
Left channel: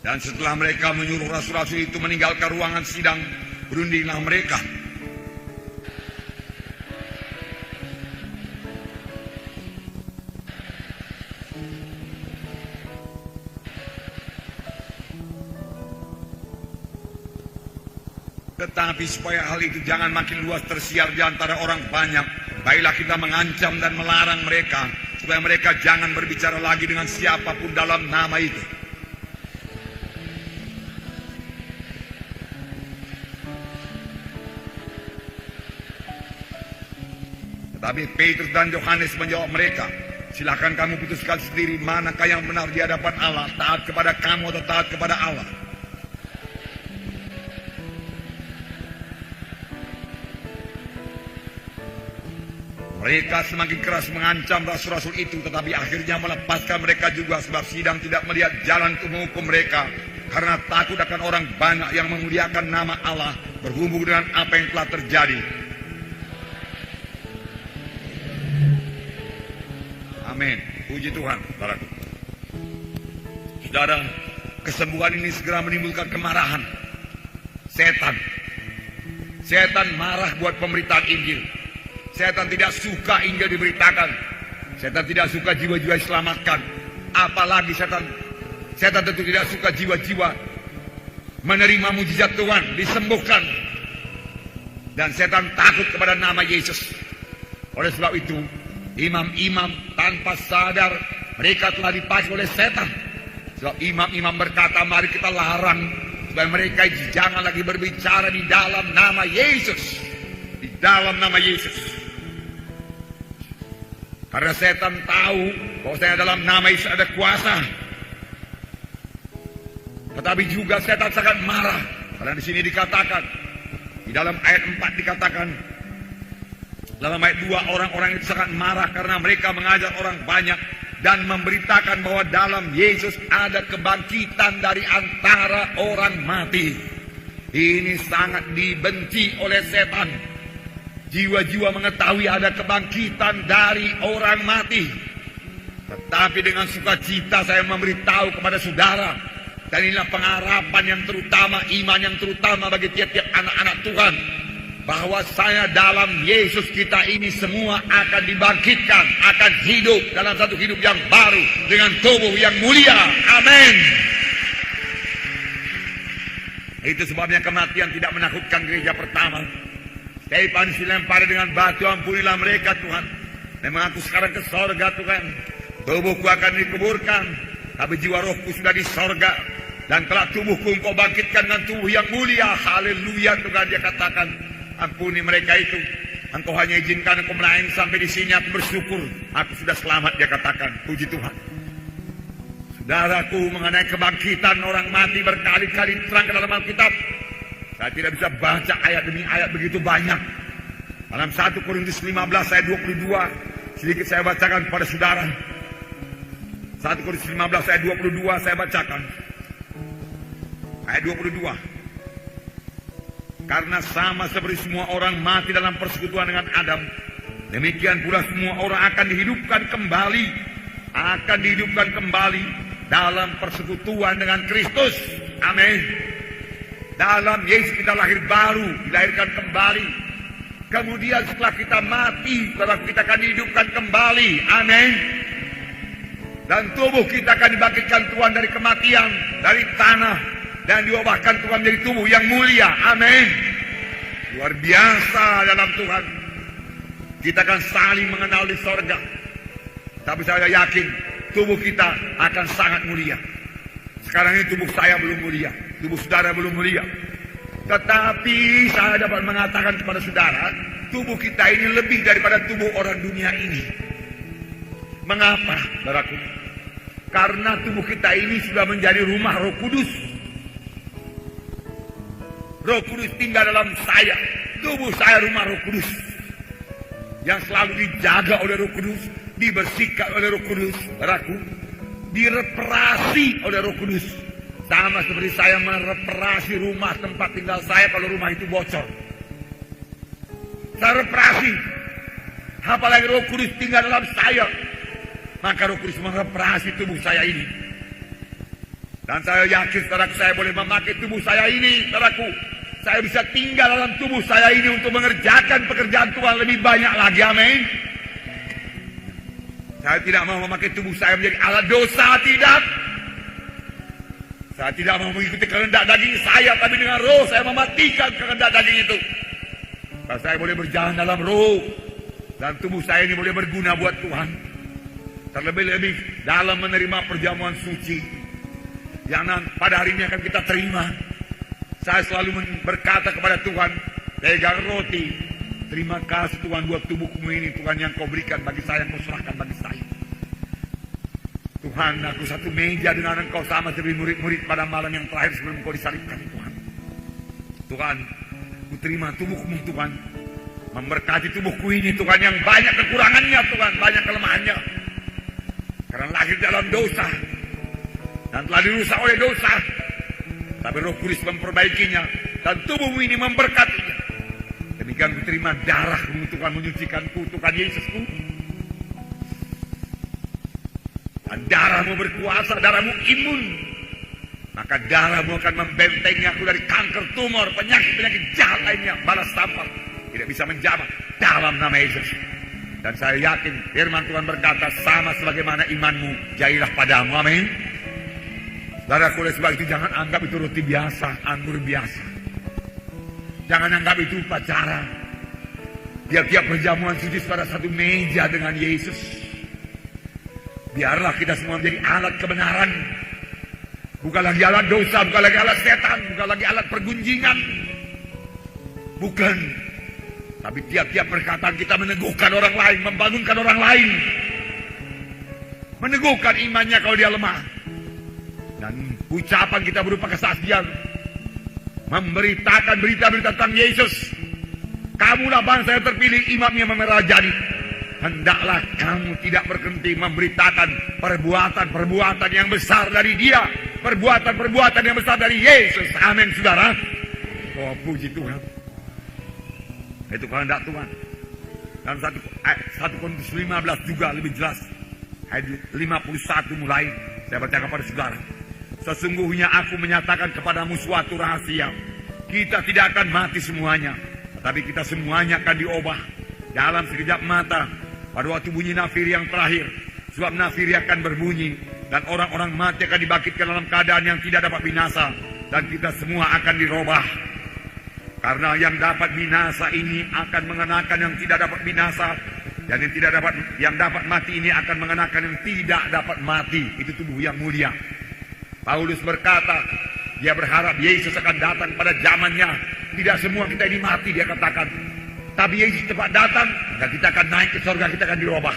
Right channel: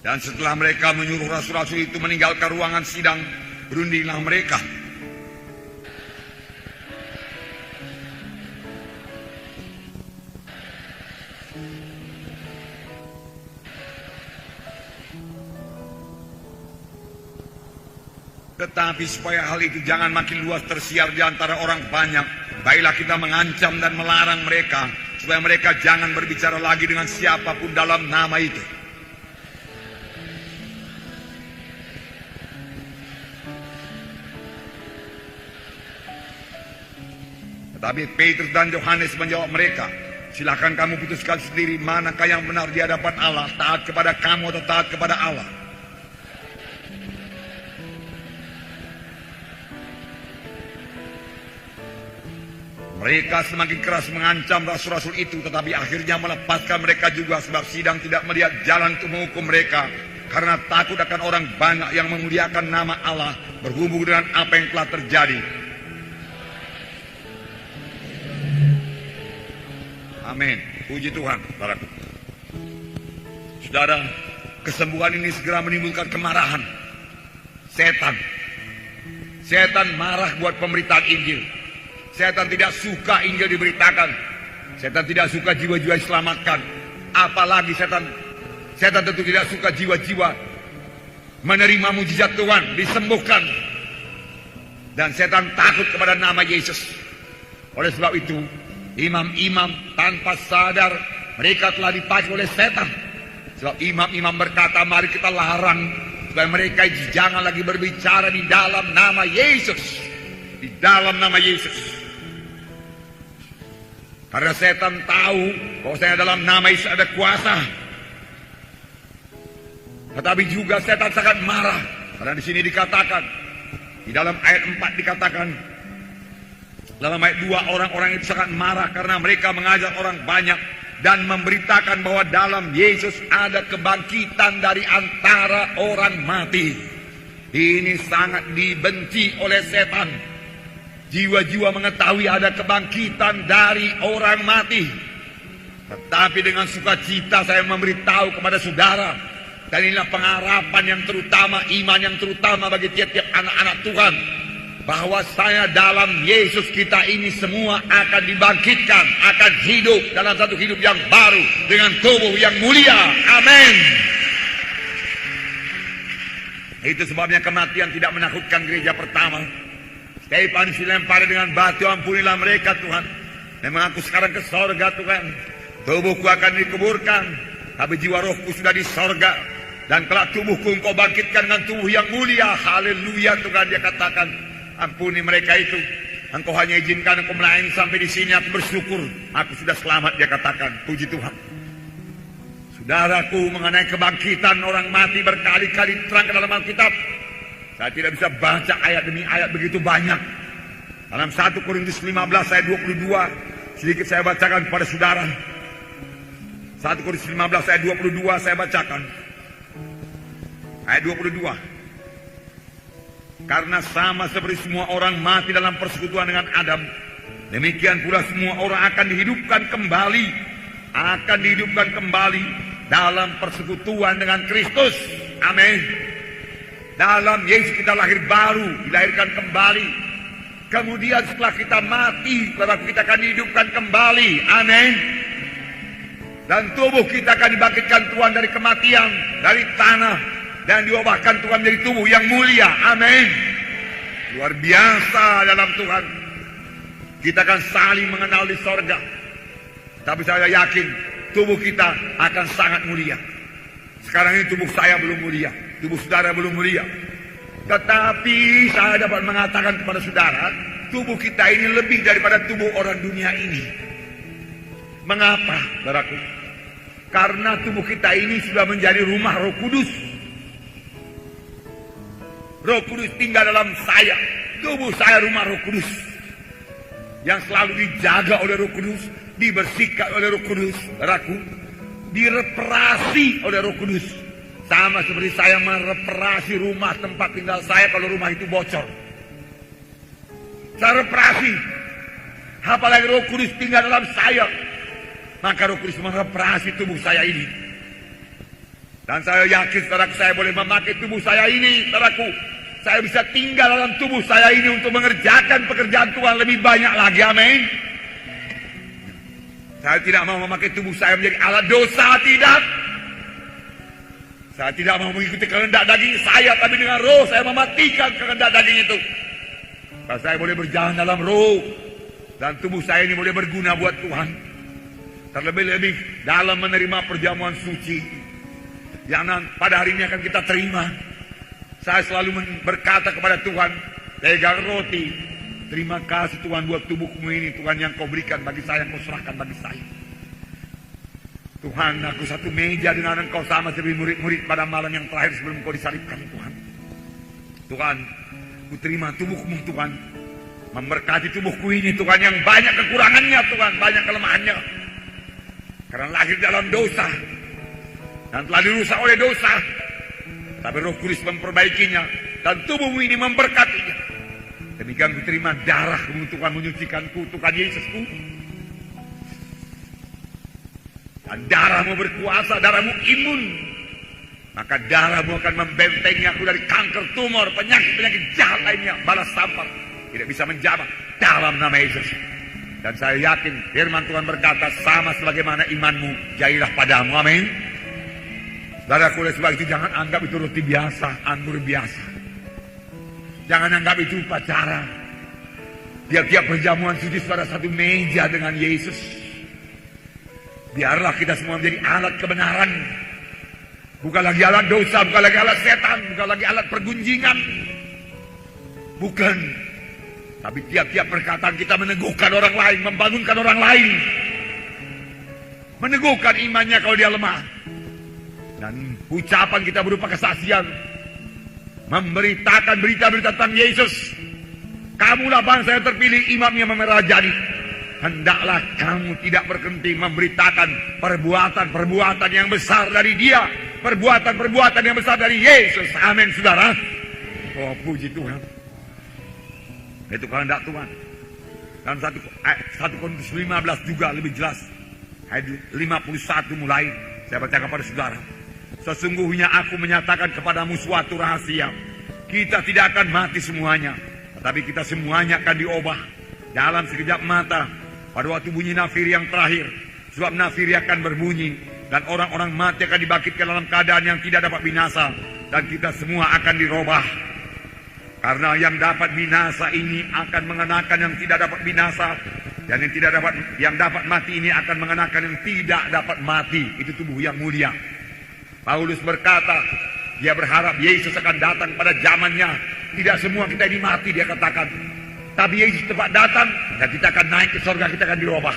Dan setelah mereka menyuruh rasul-rasul itu meninggalkan ruangan sidang, berundinglah mereka. Tetapi supaya hal itu jangan makin luas tersiar di antara orang banyak, baiklah kita mengancam dan melarang mereka, supaya mereka jangan berbicara lagi dengan siapapun dalam nama itu. Tapi Petrus dan Yohanes menjawab mereka, silakan kamu putuskan sendiri manakah yang benar di hadapan Allah, taat kepada kamu atau taat kepada Allah. Mereka semakin keras mengancam rasul-rasul itu, tetapi akhirnya melepaskan mereka juga, sebab sidang tidak melihat jalan untuk menghukum mereka, karena takut akan orang banyak yang memuliakan nama Allah berhubung dengan apa yang telah terjadi. Amin. Puji Tuhan. Saudara, kesembuhan ini segera menimbulkan kemarahan setan. Setan marah buat pemberitaan Injil. Setan tidak suka Injil diberitakan. Setan tidak suka jiwa-jiwa diselamatkan. Apalagi setan tentu tidak suka jiwa-jiwa menerima mujizat Tuhan, disembuhkan. Dan setan takut kepada nama Yesus. Oleh sebab itu, imam-imam tanpa sadar mereka telah dipacu oleh setan. Sebab imam-imam berkata, mari kita larang supaya mereka jangan lagi berbicara di dalam nama Yesus. Di dalam nama Yesus. Karena setan tahu bahwa saya dalam nama Yesus ada kuasa. Tetapi juga setan sangat marah. Karena di sini dikatakan, di dalam ayat 4 dikatakan, dalam ayat 2, orang-orang itu sangat marah karena mereka mengajak orang banyak dan memberitakan bahwa dalam Yesus ada kebangkitan dari antara orang mati. Ini sangat dibenci oleh setan. Jiwa-jiwa mengetahui ada kebangkitan dari orang mati. Tetapi dengan sukacita saya memberitahu kepada saudara, dan inilah pengharapan yang terutama, iman yang terutama bagi tiap-tiap anak-anak Tuhan, bahwa saya dalam Yesus kita ini semua akan dibangkitkan, akan hidup dalam satu hidup yang baru dengan tubuh yang mulia. Amin. Itu sebabnya kematian tidak menakutkan gereja pertama. Stefanus dilempar dengan batu, ampunilah mereka Tuhan, dan mengaku sekarang ke sorga Tuhan. Tubuhku akan dikuburkan, tapi jiwa rohku sudah di sorga, dan telah tubuhku engkau bangkitkan dengan tubuh yang mulia. Haleluya Tuhan, dia katakan, ampuni mereka itu. Engkau hanya izinkan aku menangis sampai di sini, aku bersyukur, aku sudah selamat, dia katakan. Puji Tuhan. Saudaraku, mengenai kebangkitan orang mati berkali-kali terang dalam Alkitab. Saya tidak bisa baca ayat demi ayat begitu banyak. Dalam 1 Korintus 15 ayat 22, sedikit saya bacakan kepada saudara. 1 Korintus 15 ayat 22 saya bacakan. Ayat 22. Karena sama seperti semua orang mati dalam persekutuan dengan Adam, demikian pula semua orang akan dihidupkan kembali. Akan dihidupkan kembali dalam persekutuan dengan Kristus. Amin. Dalam Yesus kita lahir baru, dilahirkan kembali. Kemudian setelah kita mati, kita akan dihidupkan kembali. Amin. Dan tubuh kita akan dibangkitkan Tuhan dari kematian, dari tanah, dan diubahkan Tuhan dari tubuh yang mulia. Amin. Luar biasa dalam Tuhan. Kita akan saling mengenal di sorga. Tapi saya yakin tubuh kita akan sangat mulia. Sekarang ini tubuh saya belum mulia, tubuh saudara belum mulia. Tetapi saya dapat mengatakan kepada saudara, tubuh kita ini lebih daripada tubuh orang dunia ini. Mengapa, saudaraku? Karena tubuh kita ini sudah menjadi rumah Roh Kudus. Roh Kudus tinggal dalam saya. Tubuh saya rumah Roh Kudus, yang selalu dijaga oleh Roh Kudus, dibersihkan oleh Roh Kudus, saudaraku, direparasi oleh Roh Kudus. Sama seperti saya mereparasi rumah tempat tinggal saya kalau rumah itu bocor. Saya reparasi. Apalagi Roh Kudus tinggal dalam saya, maka Roh Kudus mereparasi tubuh saya ini. Dan saya yakin, saudaraku, saya boleh memakai tubuh saya ini, saudaraku. Saya bisa tinggal dalam tubuh saya ini untuk mengerjakan pekerjaan Tuhan lebih banyak lagi, amin. Saya tidak mau memakai tubuh saya menjadi alat dosa, tidak. Saya tidak mau mengikuti kehendak daging saya, tapi dengan roh saya mematikan kehendak daging itu. Dan saya boleh berjalan dalam roh, dan tubuh saya ini boleh berguna buat Tuhan. Terlebih-lebih dalam menerima perjamuan suci yang pada hari ini akan kita terima. Saya selalu berkata kepada Tuhan, pegang roti, terima kasih Tuhan buat tubuhmu ini, Tuhan, yang kau berikan bagi saya, kau serahkan bagi saya. Tuhan, aku satu meja dengan engkau sama seperti murid-murid pada malam yang terakhir sebelum kau disalibkan, Tuhan. Tuhan, ku terima tubuhmu, Tuhan. Memberkati tubuhku ini, Tuhan, yang banyak kekurangannya, Tuhan, banyak kelemahannya. Karena lahir dalam dosa, dan telah dirusak oleh dosa. Tapi Roh Kudus memperbaikinya, dan tubuhmu ini memberkatinya. Demikian diterima darahmu, Tuhan, menyucikanku, Tuhan Yesusku. Dan darahmu berkuasa, darahmu imun. Maka darahmu akan membentengi aku dari kanker, tumor, penyakit-penyakit jahat lainnya, balas sampah. Tidak bisa menjamah dalam nama Yesus. Dan saya yakin firman Tuhan berkata, sama sebagaimana imanmu, jadilah padamu, amin. Saudaraku, oleh sebab itu jangan anggap itu roti biasa, anggur biasa. Jangan anggap itu upacara. Tiap-tiap perjamuan suci pada satu meja dengan Yesus. Biarlah kita semua menjadi alat kebenaran. Bukan lagi alat dosa, bukan lagi alat setan, bukan lagi alat pergunjingan. Bukan. Tapi tiap-tiap perkataan kita meneguhkan orang lain, membangunkan orang lain. Meneguhkan imannya kalau dia lemah. Dan ucapan kita berupa kesaksian, memberitakan berita-berita tentang Yesus. Kamulah bangsa yang terpilih, imam yang memerajani. Hendaklah kamu tidak berhenti memberitakan perbuatan-perbuatan yang besar dari Dia, perbuatan-perbuatan yang besar dari Yesus. Amin, saudara. Oh, puji Tuhan. Itu kehendak Tuhan. Dan 1 Korintus 15 juga lebih jelas. Ayat 51 mulai. Saya baca kepada saudara. Sesungguhnya aku menyatakan kepadamu suatu rahasia. Kita tidak akan mati semuanya, tetapi kita semuanya akan diubah dalam sekejap mata, pada waktu bunyi nafir yang terakhir. Sebab nafir akan berbunyi, dan orang-orang mati akan dibangkitkan dalam keadaan yang tidak dapat binasa, dan kita semua akan dirubah. Karena yang dapat binasa ini akan mengenakan yang tidak dapat binasa, dan yang dapat mati ini akan mengenakan yang tidak dapat mati. Itu tubuh yang mulia. Paulus berkata, dia berharap Yesus akan datang pada zamannya. Tidak semua kita ini mati, dia katakan. Tapi Yesus cepat datang, dan kita akan naik ke surga, kita akan dirubah.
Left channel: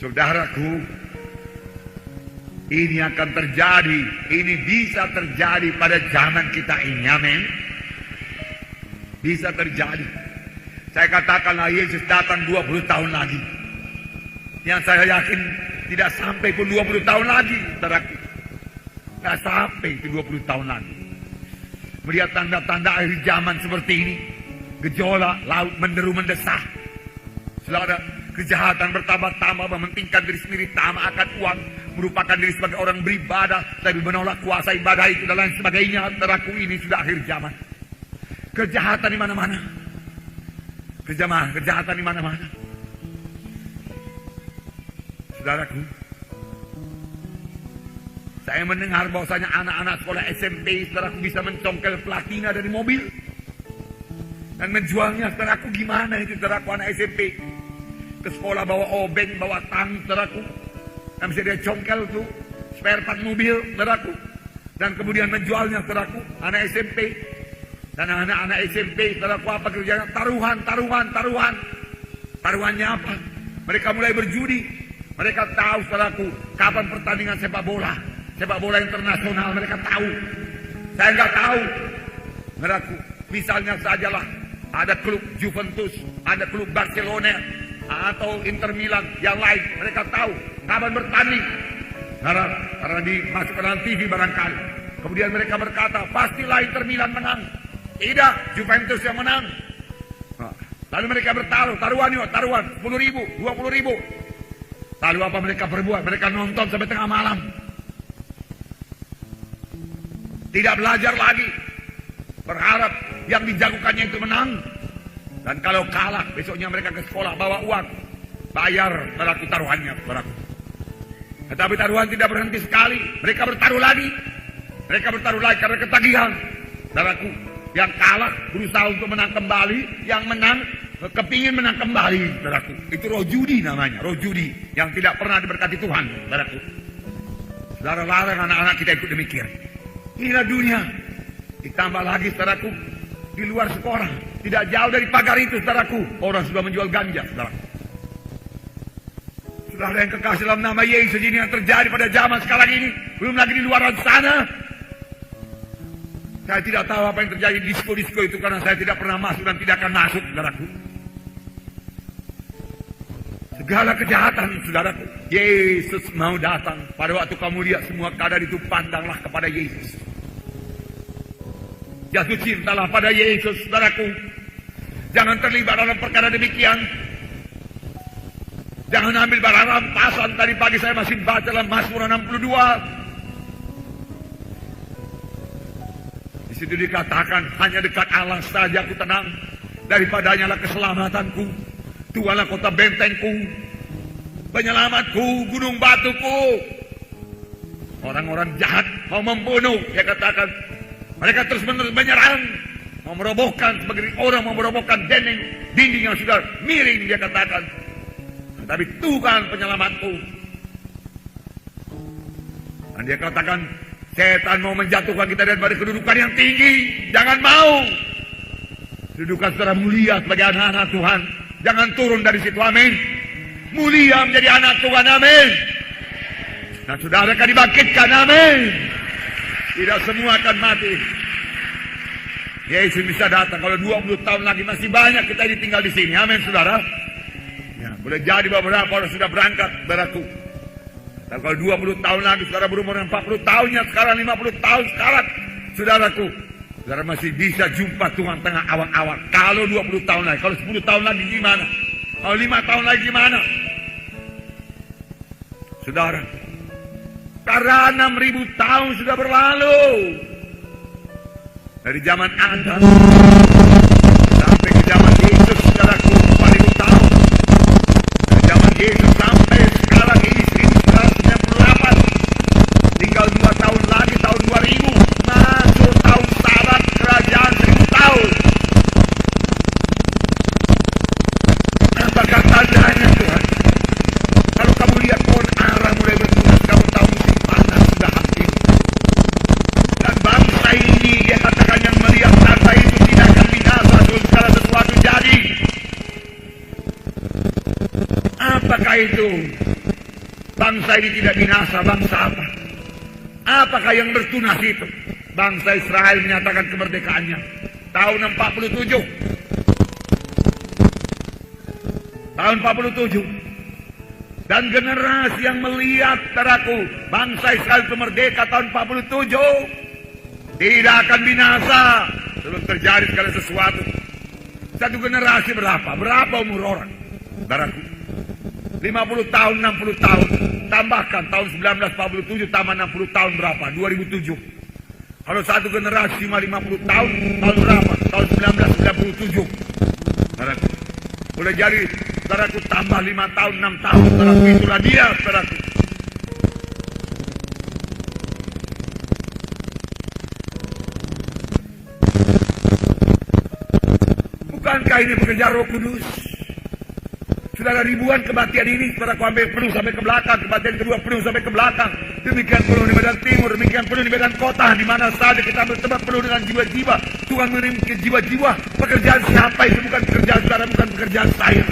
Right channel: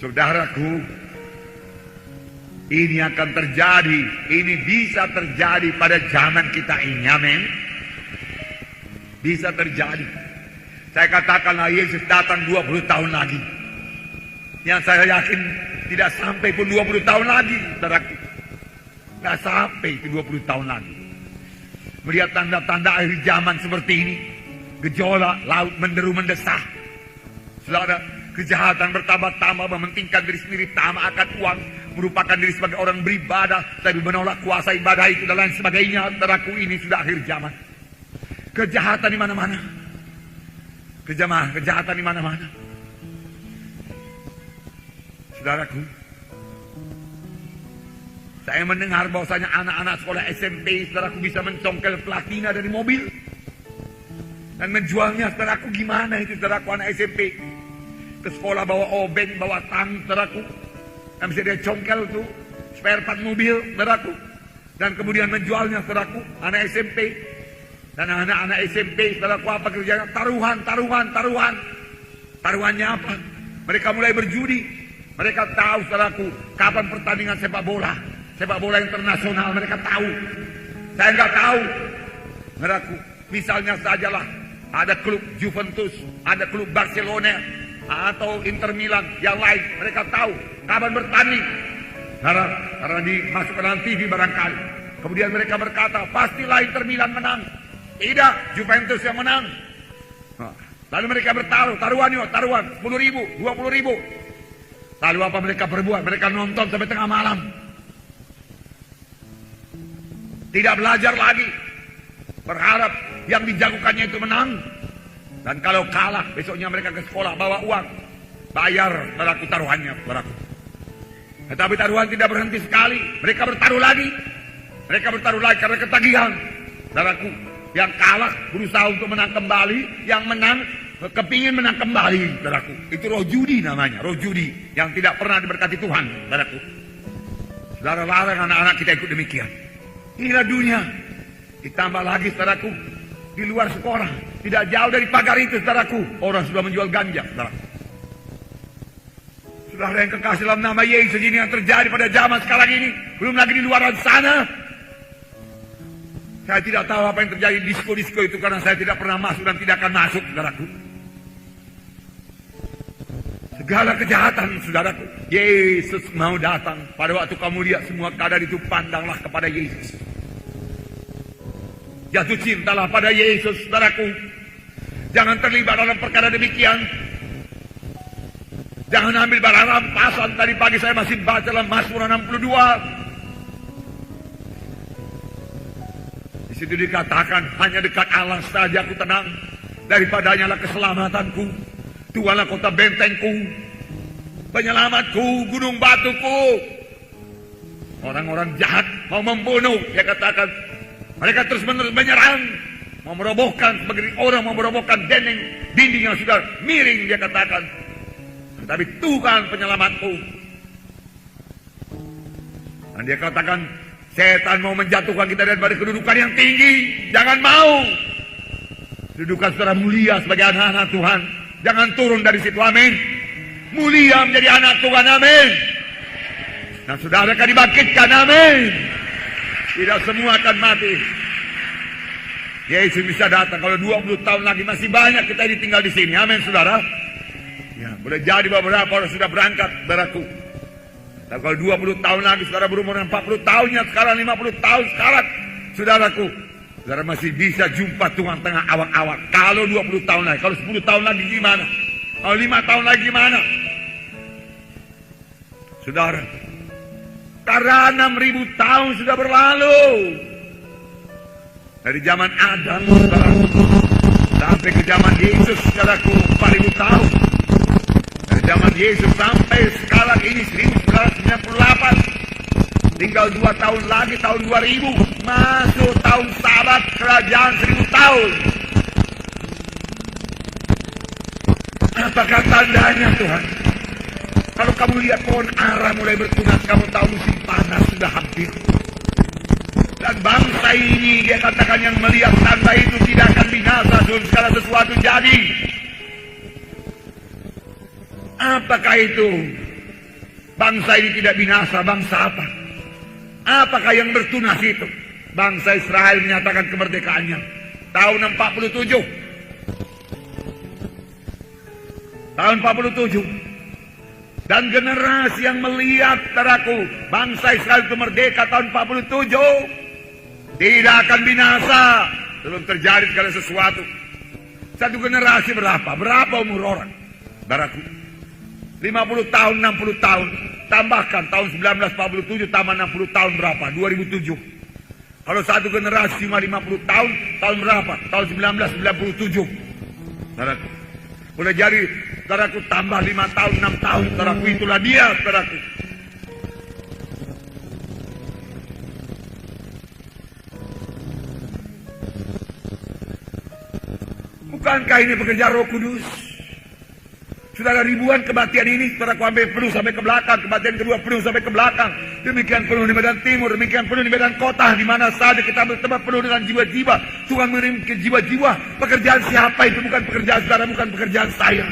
Saudaraku, ini akan terjadi, ini bisa terjadi pada zaman kita ini, amin. Bisa terjadi. Saya katakanlah Yesus datang 20 tahun lagi. Yang saya yakin tidak sampai pun 20 tahun lagi, saudaraku. Tidak sampai ke 20 tahun lagi. Melihat tanda-tanda akhir zaman seperti ini, gejolak laut menderu mendesak. Saudara, kejahatan bertambah-tambah, mementingkan diri sendiri, tamak akan uang, merupakan diri sebagai orang beribadah, tapi menolak kuasa ibadah itu dan lain sebagainya. Saudaraku, ini sudah akhir zaman. Kejahatan di mana-mana. Kejahatan di mana-mana. Saudaraku, saya mendengar bahwasanya anak-anak sekolah SMP, saudaraku, bisa mencongkel platina dari mobil dan menjualnya. Saudaraku, gimana itu, saudaraku, anak SMP ke sekolah bawa obeng, bawa tang, saudaraku, yang bisa dia congkel tuh spare part mobil, saudaraku, dan kemudian menjualnya, saudaraku, anak SMP. Dan anak-anak SMP, saudaraku, apa kerjanya? Taruhan. Taruhannya apa? Mereka mulai berjudi. Mereka tahu, saudaraku, kapan pertandingan sepak bola internasional, mereka tahu. Saya nggak tahu. Saudaraku, misalnya sajalah ada klub Juventus, ada klub Barcelona, atau Inter Milan yang lain, mereka tahu kapan bertanding. Karena dimasuk ke dalam TV barangkali. Kemudian mereka berkata, pastilah Inter Milan menang. Tidak, Juventus yang menang. Lalu mereka bertaruh, taruhan 10.000, 20.000. Lalu apa mereka perbuat? Mereka nonton sampai tengah malam. Tidak belajar lagi. Berharap yang dijagokannya itu menang. Dan kalau kalah, besoknya mereka ke sekolah bawa uang. Bayar pelaku taruhannya. Tetapi taruhan tidak berhenti sekali. Mereka bertaruh lagi karena ketagihan. Saudaraku, yang kalah berusaha untuk menang kembali, yang menang kepingin menang kembali. Saudaraku, itu roh judi namanya, roh judi yang tidak pernah diberkati Tuhan. Saudaraku, saudara-saudara, anak-anak kita itu demikian. Inilah dunia. Ditambah lagi, saudaraku, di luar sekolah, tidak jauh dari pagar itu, saudaraku, orang sudah menjual ganja. Saudaraku, saudara yang kekasih dalam nama Yesus, ini yang terjadi pada zaman sekarang ini. Belum lagi di luar sana. Saya tidak tahu apa yang terjadi di disko-disko itu karena saya tidak pernah masuk dan tidak akan masuk, saudaraku. Segala kejahatan, saudaraku, Yesus mau datang. Pada waktu kamu lihat semua keadaan itu, pandanglah kepada Yesus. Jatuh cintalah pada Yesus, saudaraku. Jangan terlibat dalam perkara demikian. Jangan ambil barang rampasan. Tadi pagi saya masih baca dalam Mazmur 62. Di situ dikatakan, hanya dekat Allah saja aku tenang. Daripadanya lah keselamatanku. Tuhanlah kota bentengku, penyelamatku, gunung batuku. Orang-orang jahat mau membunuh, dia katakan. Mereka terus menyerang, mau merobohkan, sebagai orang mau merobohkan dinding yang sudah miring, dia katakan. Tapi Tuhan penyelamatku. Dan dia katakan, setan mau menjatuhkan kita dari kedudukan yang tinggi. Jangan mau. Kedudukan secara mulia sebagai anak-anak Tuhan. Jangan turun dari situ, amin. Mulia menjadi anak Tuhan, amin. Dan saudara akan dibangkitkan, amin. Tidak semua akan mati. Yesus bisa datang. Kalau 20 tahun lagi masih banyak kita tinggal di sini, amin, saudara. Ya, boleh jadi beberapa orang sudah berangkat, saudaraku. Dan kalau 20 tahun lagi, saudara berumur 40 tahun, ya sekarang 50 tahun sekarang, saudaraku, saudara masih bisa jumpa Tuhan tengah awak-awak. Kalau 20 tahun lagi, kalau 10 tahun lagi gimana? Kalau 5 tahun lagi gimana? Saudara, karena 6.000 tahun sudah berlalu. Dari zaman Adam sampai ke zaman Yesus, saudaraku, 4.000 tahun. Zaman Yesus sampai sekarang ini 1998. Tinggal 2 tahun lagi, tahun 2000. Masuk tahun Sabat, kerajaan 1000 tahun. Apakah tandanya, Tuhan? Kalau kamu lihat pohon ara mulai bertunas, kamu tahu musim panas sudah hampir. Dan bangsa ini, dia katakan yang melihat tanda itu tidak akan binasa kalau sesuatu jadi. Apakah itu? Bangsa ini tidak binasa, bangsa apa? Apakah yang bertunas itu? Bangsa Israel menyatakan kemerdekaannya tahun 47. Tahun 47. Dan generasi yang melihat, saudaraku, bangsa Israel itu merdeka tahun 47 tidak akan binasa sebelum terjadi segala sesuatu. Satu generasi berapa? Berapa umur orang? Saudaraku, 50 tahun, 60 tahun. Tambahkan tahun 1947 tambah 60 tahun berapa? 2007. Kalau satu generasi cuma 50 tahun, tahun berapa? Tahun 1997. Saudaraku, boleh jadi, saudaraku, tambah 5 tahun, 6 tahun. Saudaraku, itulah dia, saudaraku. Bukankah ini bekerja Roh Kudus? Saudara, ribuan kematian ini saudara sampai penuh sampai ke belakang, kematian kedua penuh sampai ke belakang. Demikian penuh di Medan Timur, demikian penuh di Medan Kota, di mana saja kita bertemu penuh dengan jiwa-jiwa. Tuhan mengirim ke jiwa-jiwa. Pekerjaan siapa itu? Bukan pekerjaan saudara, bukan pekerjaan saya.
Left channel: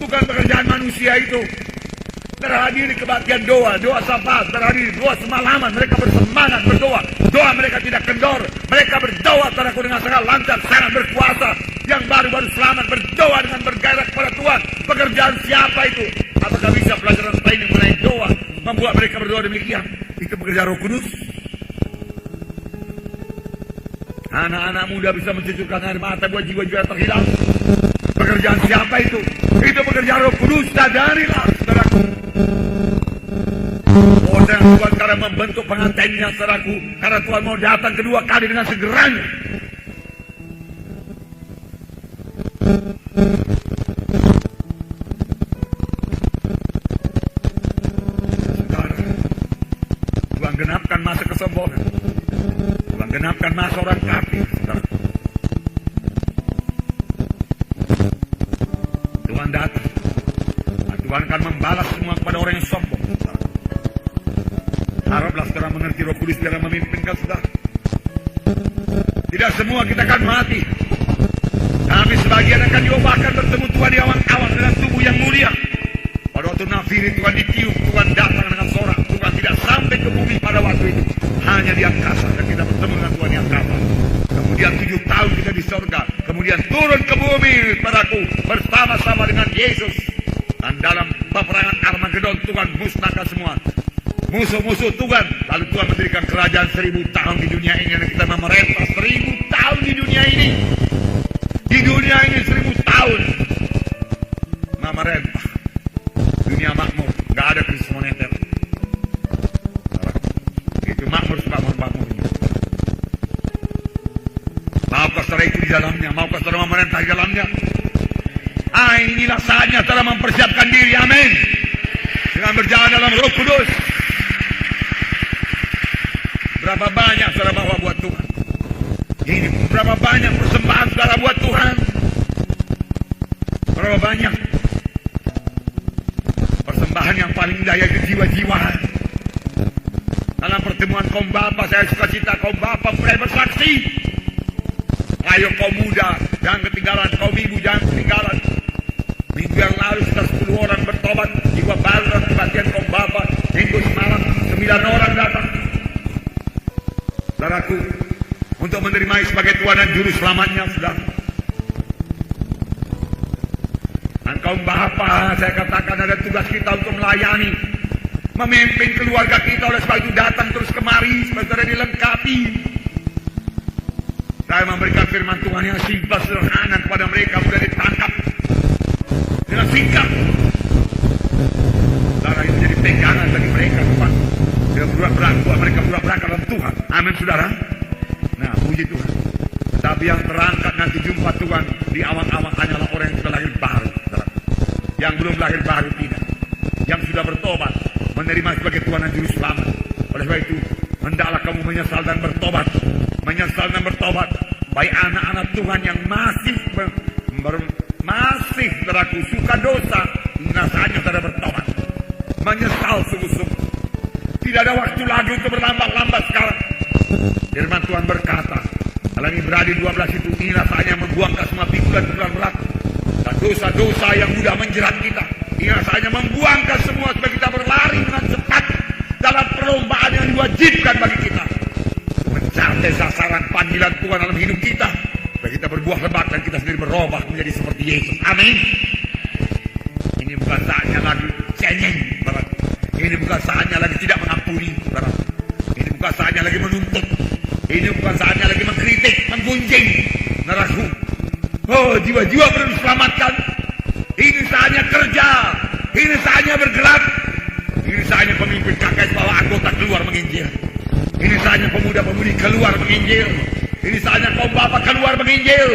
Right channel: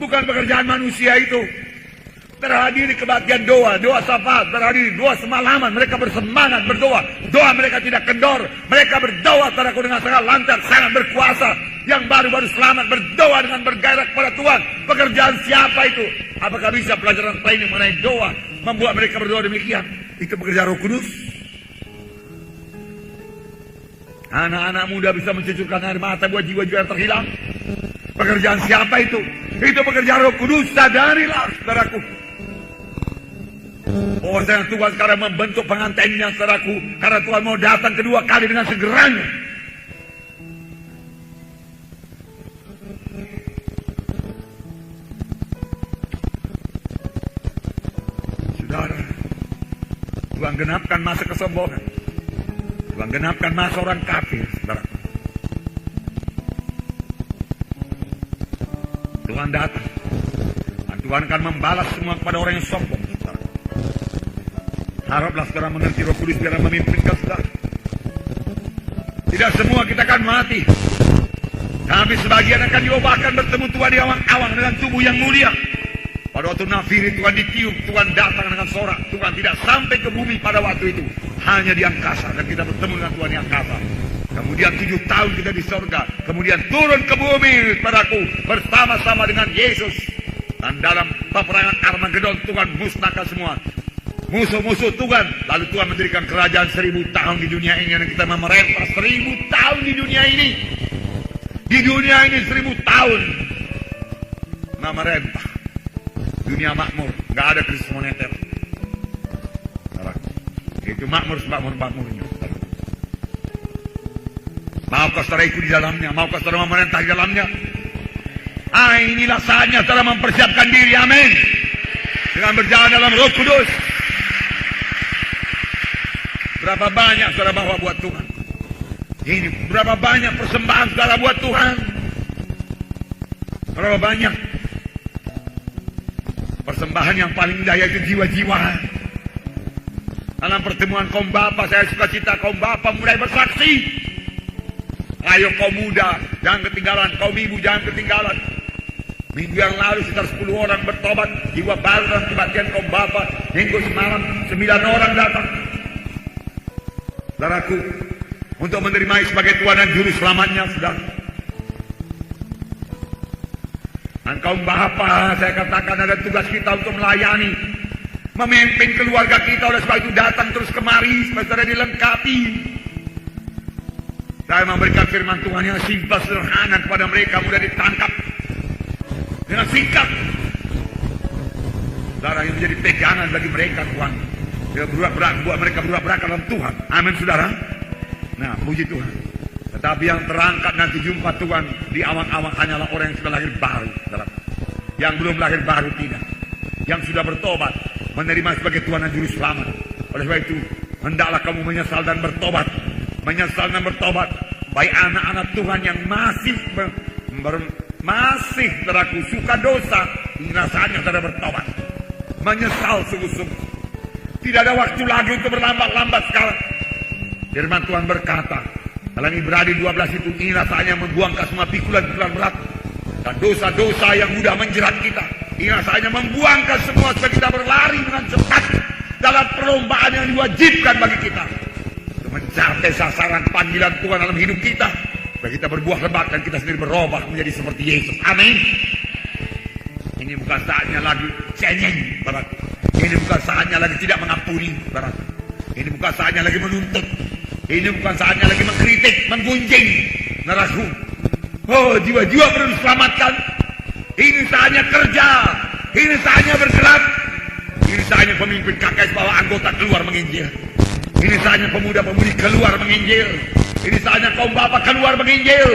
Bukan pekerjaan manusia itu. Terhadiri kebaktian doa syafaat, terhadiri doa semalaman, mereka bersemangat berdoa, doa mereka tidak kendor, mereka berdoa saudaraku dengan sangat lancar, sangat berkuasa, yang baru-baru selamat berdoa dengan bergairah kepada Tuhan. Pekerjaan siapa itu? Apakah bisa pelajaran training mengenai doa membuat mereka berdoa demikian? Itu pekerjaan Roh Kudus. Anak-anak muda bisa mencucurkan air mata buat jiwa-jiwa yang terhilang. Pekerjaan siapa itu? Itu pekerjaan Roh Kudus. Sadarilah, saudaraku. Oh, dan Tuhan cara membentuk pengantinnya, saudaraku. Karena Tuhan mau datang kedua kali dengan segeranya. Saudara, Tuhan genapkan masa kesombongan. Tuhan genapkan masa orang kafir, saudara. Tuhan datang. Tuhan akan membalas semua kepada orang yang sombong. Haraplah sekarang menanti Roh Kudus dalam memimpin kita sekarang. Sudah semua kita akan mati. Kami sebagian akan coba akan bertemu Tuhan di awan-awan dengan tubuh yang mulia. Pada waktu Nafiru Tuhan ditiup, Tuhan datang dengan sorak. Tuhan tidak sampai ke bumi pada waktu itu. Hanya di angkasa akan kita bertemu dengan Tuhan yang apa. Kemudian 7 tahun kita di surga. Kemudian turun ke bumi padaku bersama-sama dengan Yesus. Dan dalam peperangan Armageddon Tuhan musnahkan semua musuh-musuh Tuhan. Lalu Tuhan mendirikan kerajaan 1000 tahun di dunia ini. Dan kita memerintah 1000 tahun di dunia ini. Di dunia ini 1000 tahun memerintah. Dunia makmur, tidak ada krisis moneter. Itu makmur semakmur-makmur. Maukah saudara ikut jalannya? Maukah saudara memerintah jalannya? Inilah saatnya saudara mempersiapkan diri, amin. Dengan berjalan dalam Roh Kudus. Berapa banyak saudara bawa buat Tuhan? Ini berapa banyak persembahan saudara buat Tuhan? Berapa banyak persembahan yang paling indah yaitu jiwa-jiwa. Dalam pertemuan kaum bapa, saya suka cita kaum bapa mulai bersaksi. Ayo kaum muda, jangan ketinggalan. Kaum ibu, jangan ketinggalan. Minggu yang lalu sekitar 10 orang bertobat. Juga baru dalam kebaktian kaum bapa. Minggu semalam 9 orang datang. Saudaraku, untuk menerima sebagai Tuhan dan Juru Selamatnya, sudah. Dan kaum bapa, saya katakan ada tugas kita untuk melayani, memimpin keluarga kita. Oleh sebab itu datang terus kemari supaya saudara dilengkapi. Saya memberikan firman Tuhan yang simpel sederhana kepada mereka, mudah ditangkap dengan singkat. Saudara, itu jadi pegangan bagi mereka, Tuhan. Mereka berdua berangkat dalam Tuhan. Amin, saudara. Nah, puji Tuhan. Tapi yang berangkat nanti jumpa Tuhan di awang-awang hanyalah orang yang sudah lahir baru. Yang belum lahir baru tidak. Yang sudah bertobat, menerima sebagai Tuhan dan Juru Selamat. Oleh sebab itu, hendaklah kamu menyesal dan bertobat. Menyesal dan bertobat. Baik anak-anak Tuhan yang masih saudaraku suka dosa, hingga saatnya saudara bertobat. Menyesal sungguh-sungguh. Tidak ada waktu lagi untuk berlambat-lambat sekarang. Firman Tuhan berkata, kalau ini berada 12 itu, inilah saatnya membuangkan semua pikulan-pikulan neraka dan dosa-dosa yang mudah menjerat kita. Inilah saatnya membuangkan semua supaya kita berlari dengan cepat dalam perlombaan yang diwajibkan bagi kita. Mencapai sasaran panggilan Tuhan dalam hidup kita. Dan kita berbuah lebat dan kita sendiri berubah menjadi seperti Yesus. Amin. Ini bukan saatnya lagi cengeng. Ini bukan saatnya lagi tidak mengampuni. Ini bukan saatnya lagi menuntut. Ini bukan saatnya lagi mengkritik, menggunjing. Naraku. Oh, jiwa-jiwa perlu diselamatkan. Ini saatnya kerja. Ini saatnya bergerak. Ini saatnya pemimpin KKS bawa anggota keluar menginjil. Ini saatnya pemuda-pemudi keluar menginjil. Ini saatnya kaum bapak keluar menginjil.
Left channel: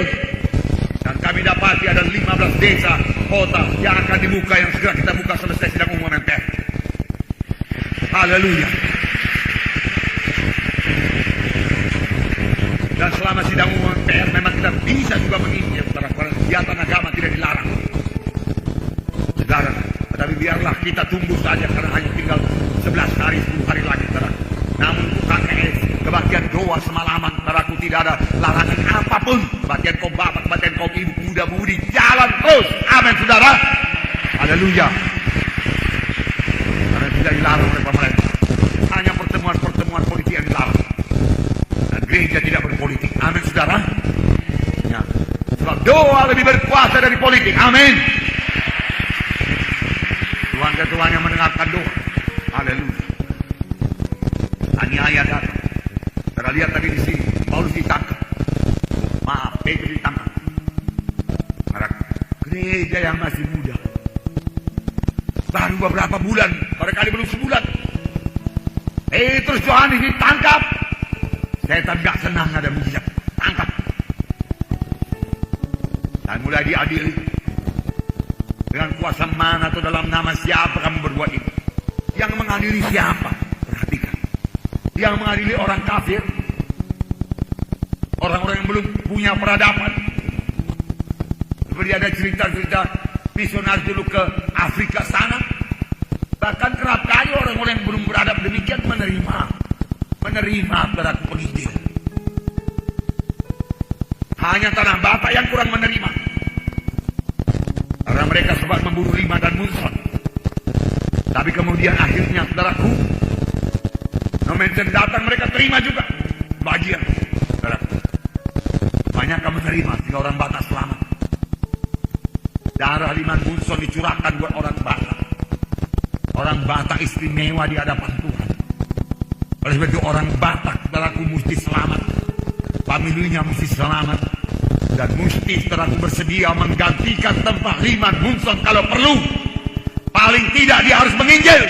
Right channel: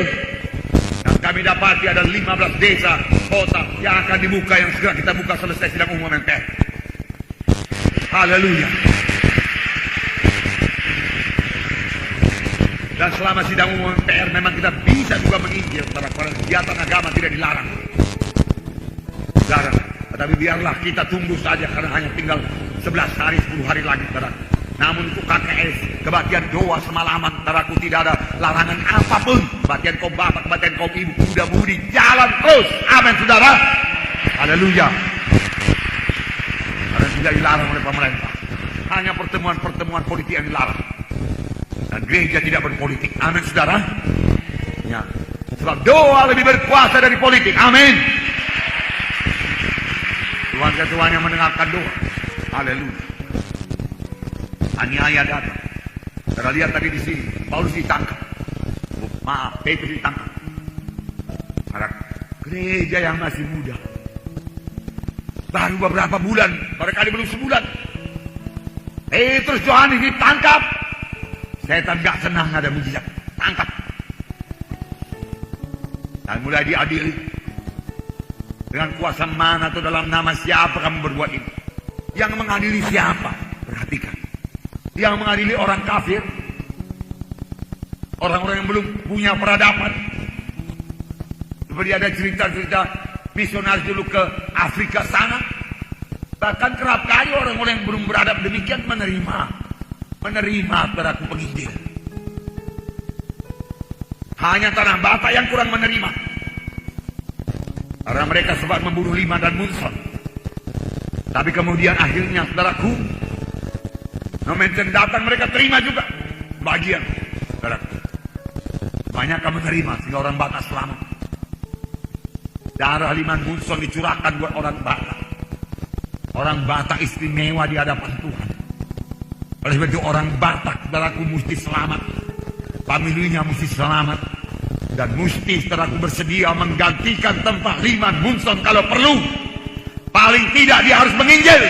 Dan kami dapati ada 15 desa, kota yang akan dibuka, yang sudah kita buka selesai sidang umum MPR. Haleluya. Dan selama sidang umum MPR memang kita bisa juga menginjil. Karena kegiatan agama tidak dilarang. saudara. Tetapi biarlah kita tunggu saja karena hanya tinggal 11 hari 10 hari lagi, saudara. Namun itu KKS, kebagian doa semalaman, saudaraku, tidak ada larangan apapun. Kebagian kaum bapak, kebagian kaum ibu, muda-mudi, jalan terus. Amin, saudara. Haleluya. Karena tidak dilarang oleh pemerintah. Hanya pertemuan-pertemuan politik yang dilarang. Dan gereja tidak berpolitik. Amin, saudara. Ya. Sebab doa lebih berkuasa dari politik. Amin. Tuhan ketuanya mendengarkan doa. Haleluya. Hanya datang. Kita lihat tadi di sini, Paulus ditangkap. Maaf, Petrus ditangkap. Gereja yang masih muda. Baru beberapa bulan, barangkali belum sebulan. Petrus Yohanes ditangkap. Setan tidak senang ada mujizat. Tangkap. Dan mulai diadili. Dengan kuasa mana atau dalam nama siapa kamu berbuat ini? Yang mengadili siapa? Perhatikan. Yang mengadili orang kafir. Orang-orang yang belum punya peradaban. Seperti ada cerita-cerita misionaris dulu ke Afrika sana. Bahkan kerap kali orang-orang yang belum beradab demikian menerima peraku penginjilan. Hanya tanah Batak yang kurang menerima. Karena mereka sempat membunuh Lima dan Munson. Tapi kemudian akhirnya saudaraku, momen datang mereka terima juga bagian. Saudaraku, banyak kamu terima sehingga orang Batak selamat. Darah Lima Munson dicurahkan buat orang Batak. Orang Batak istimewa di hadapan Tuhan. Oleh itu orang Batak saudaraku mesti selamat. Familinya mesti selamat. Dan mesti saudaraku bersedia menggantikan tempat Lima Munson kalau perlu. Paling tidak dia harus menginjil.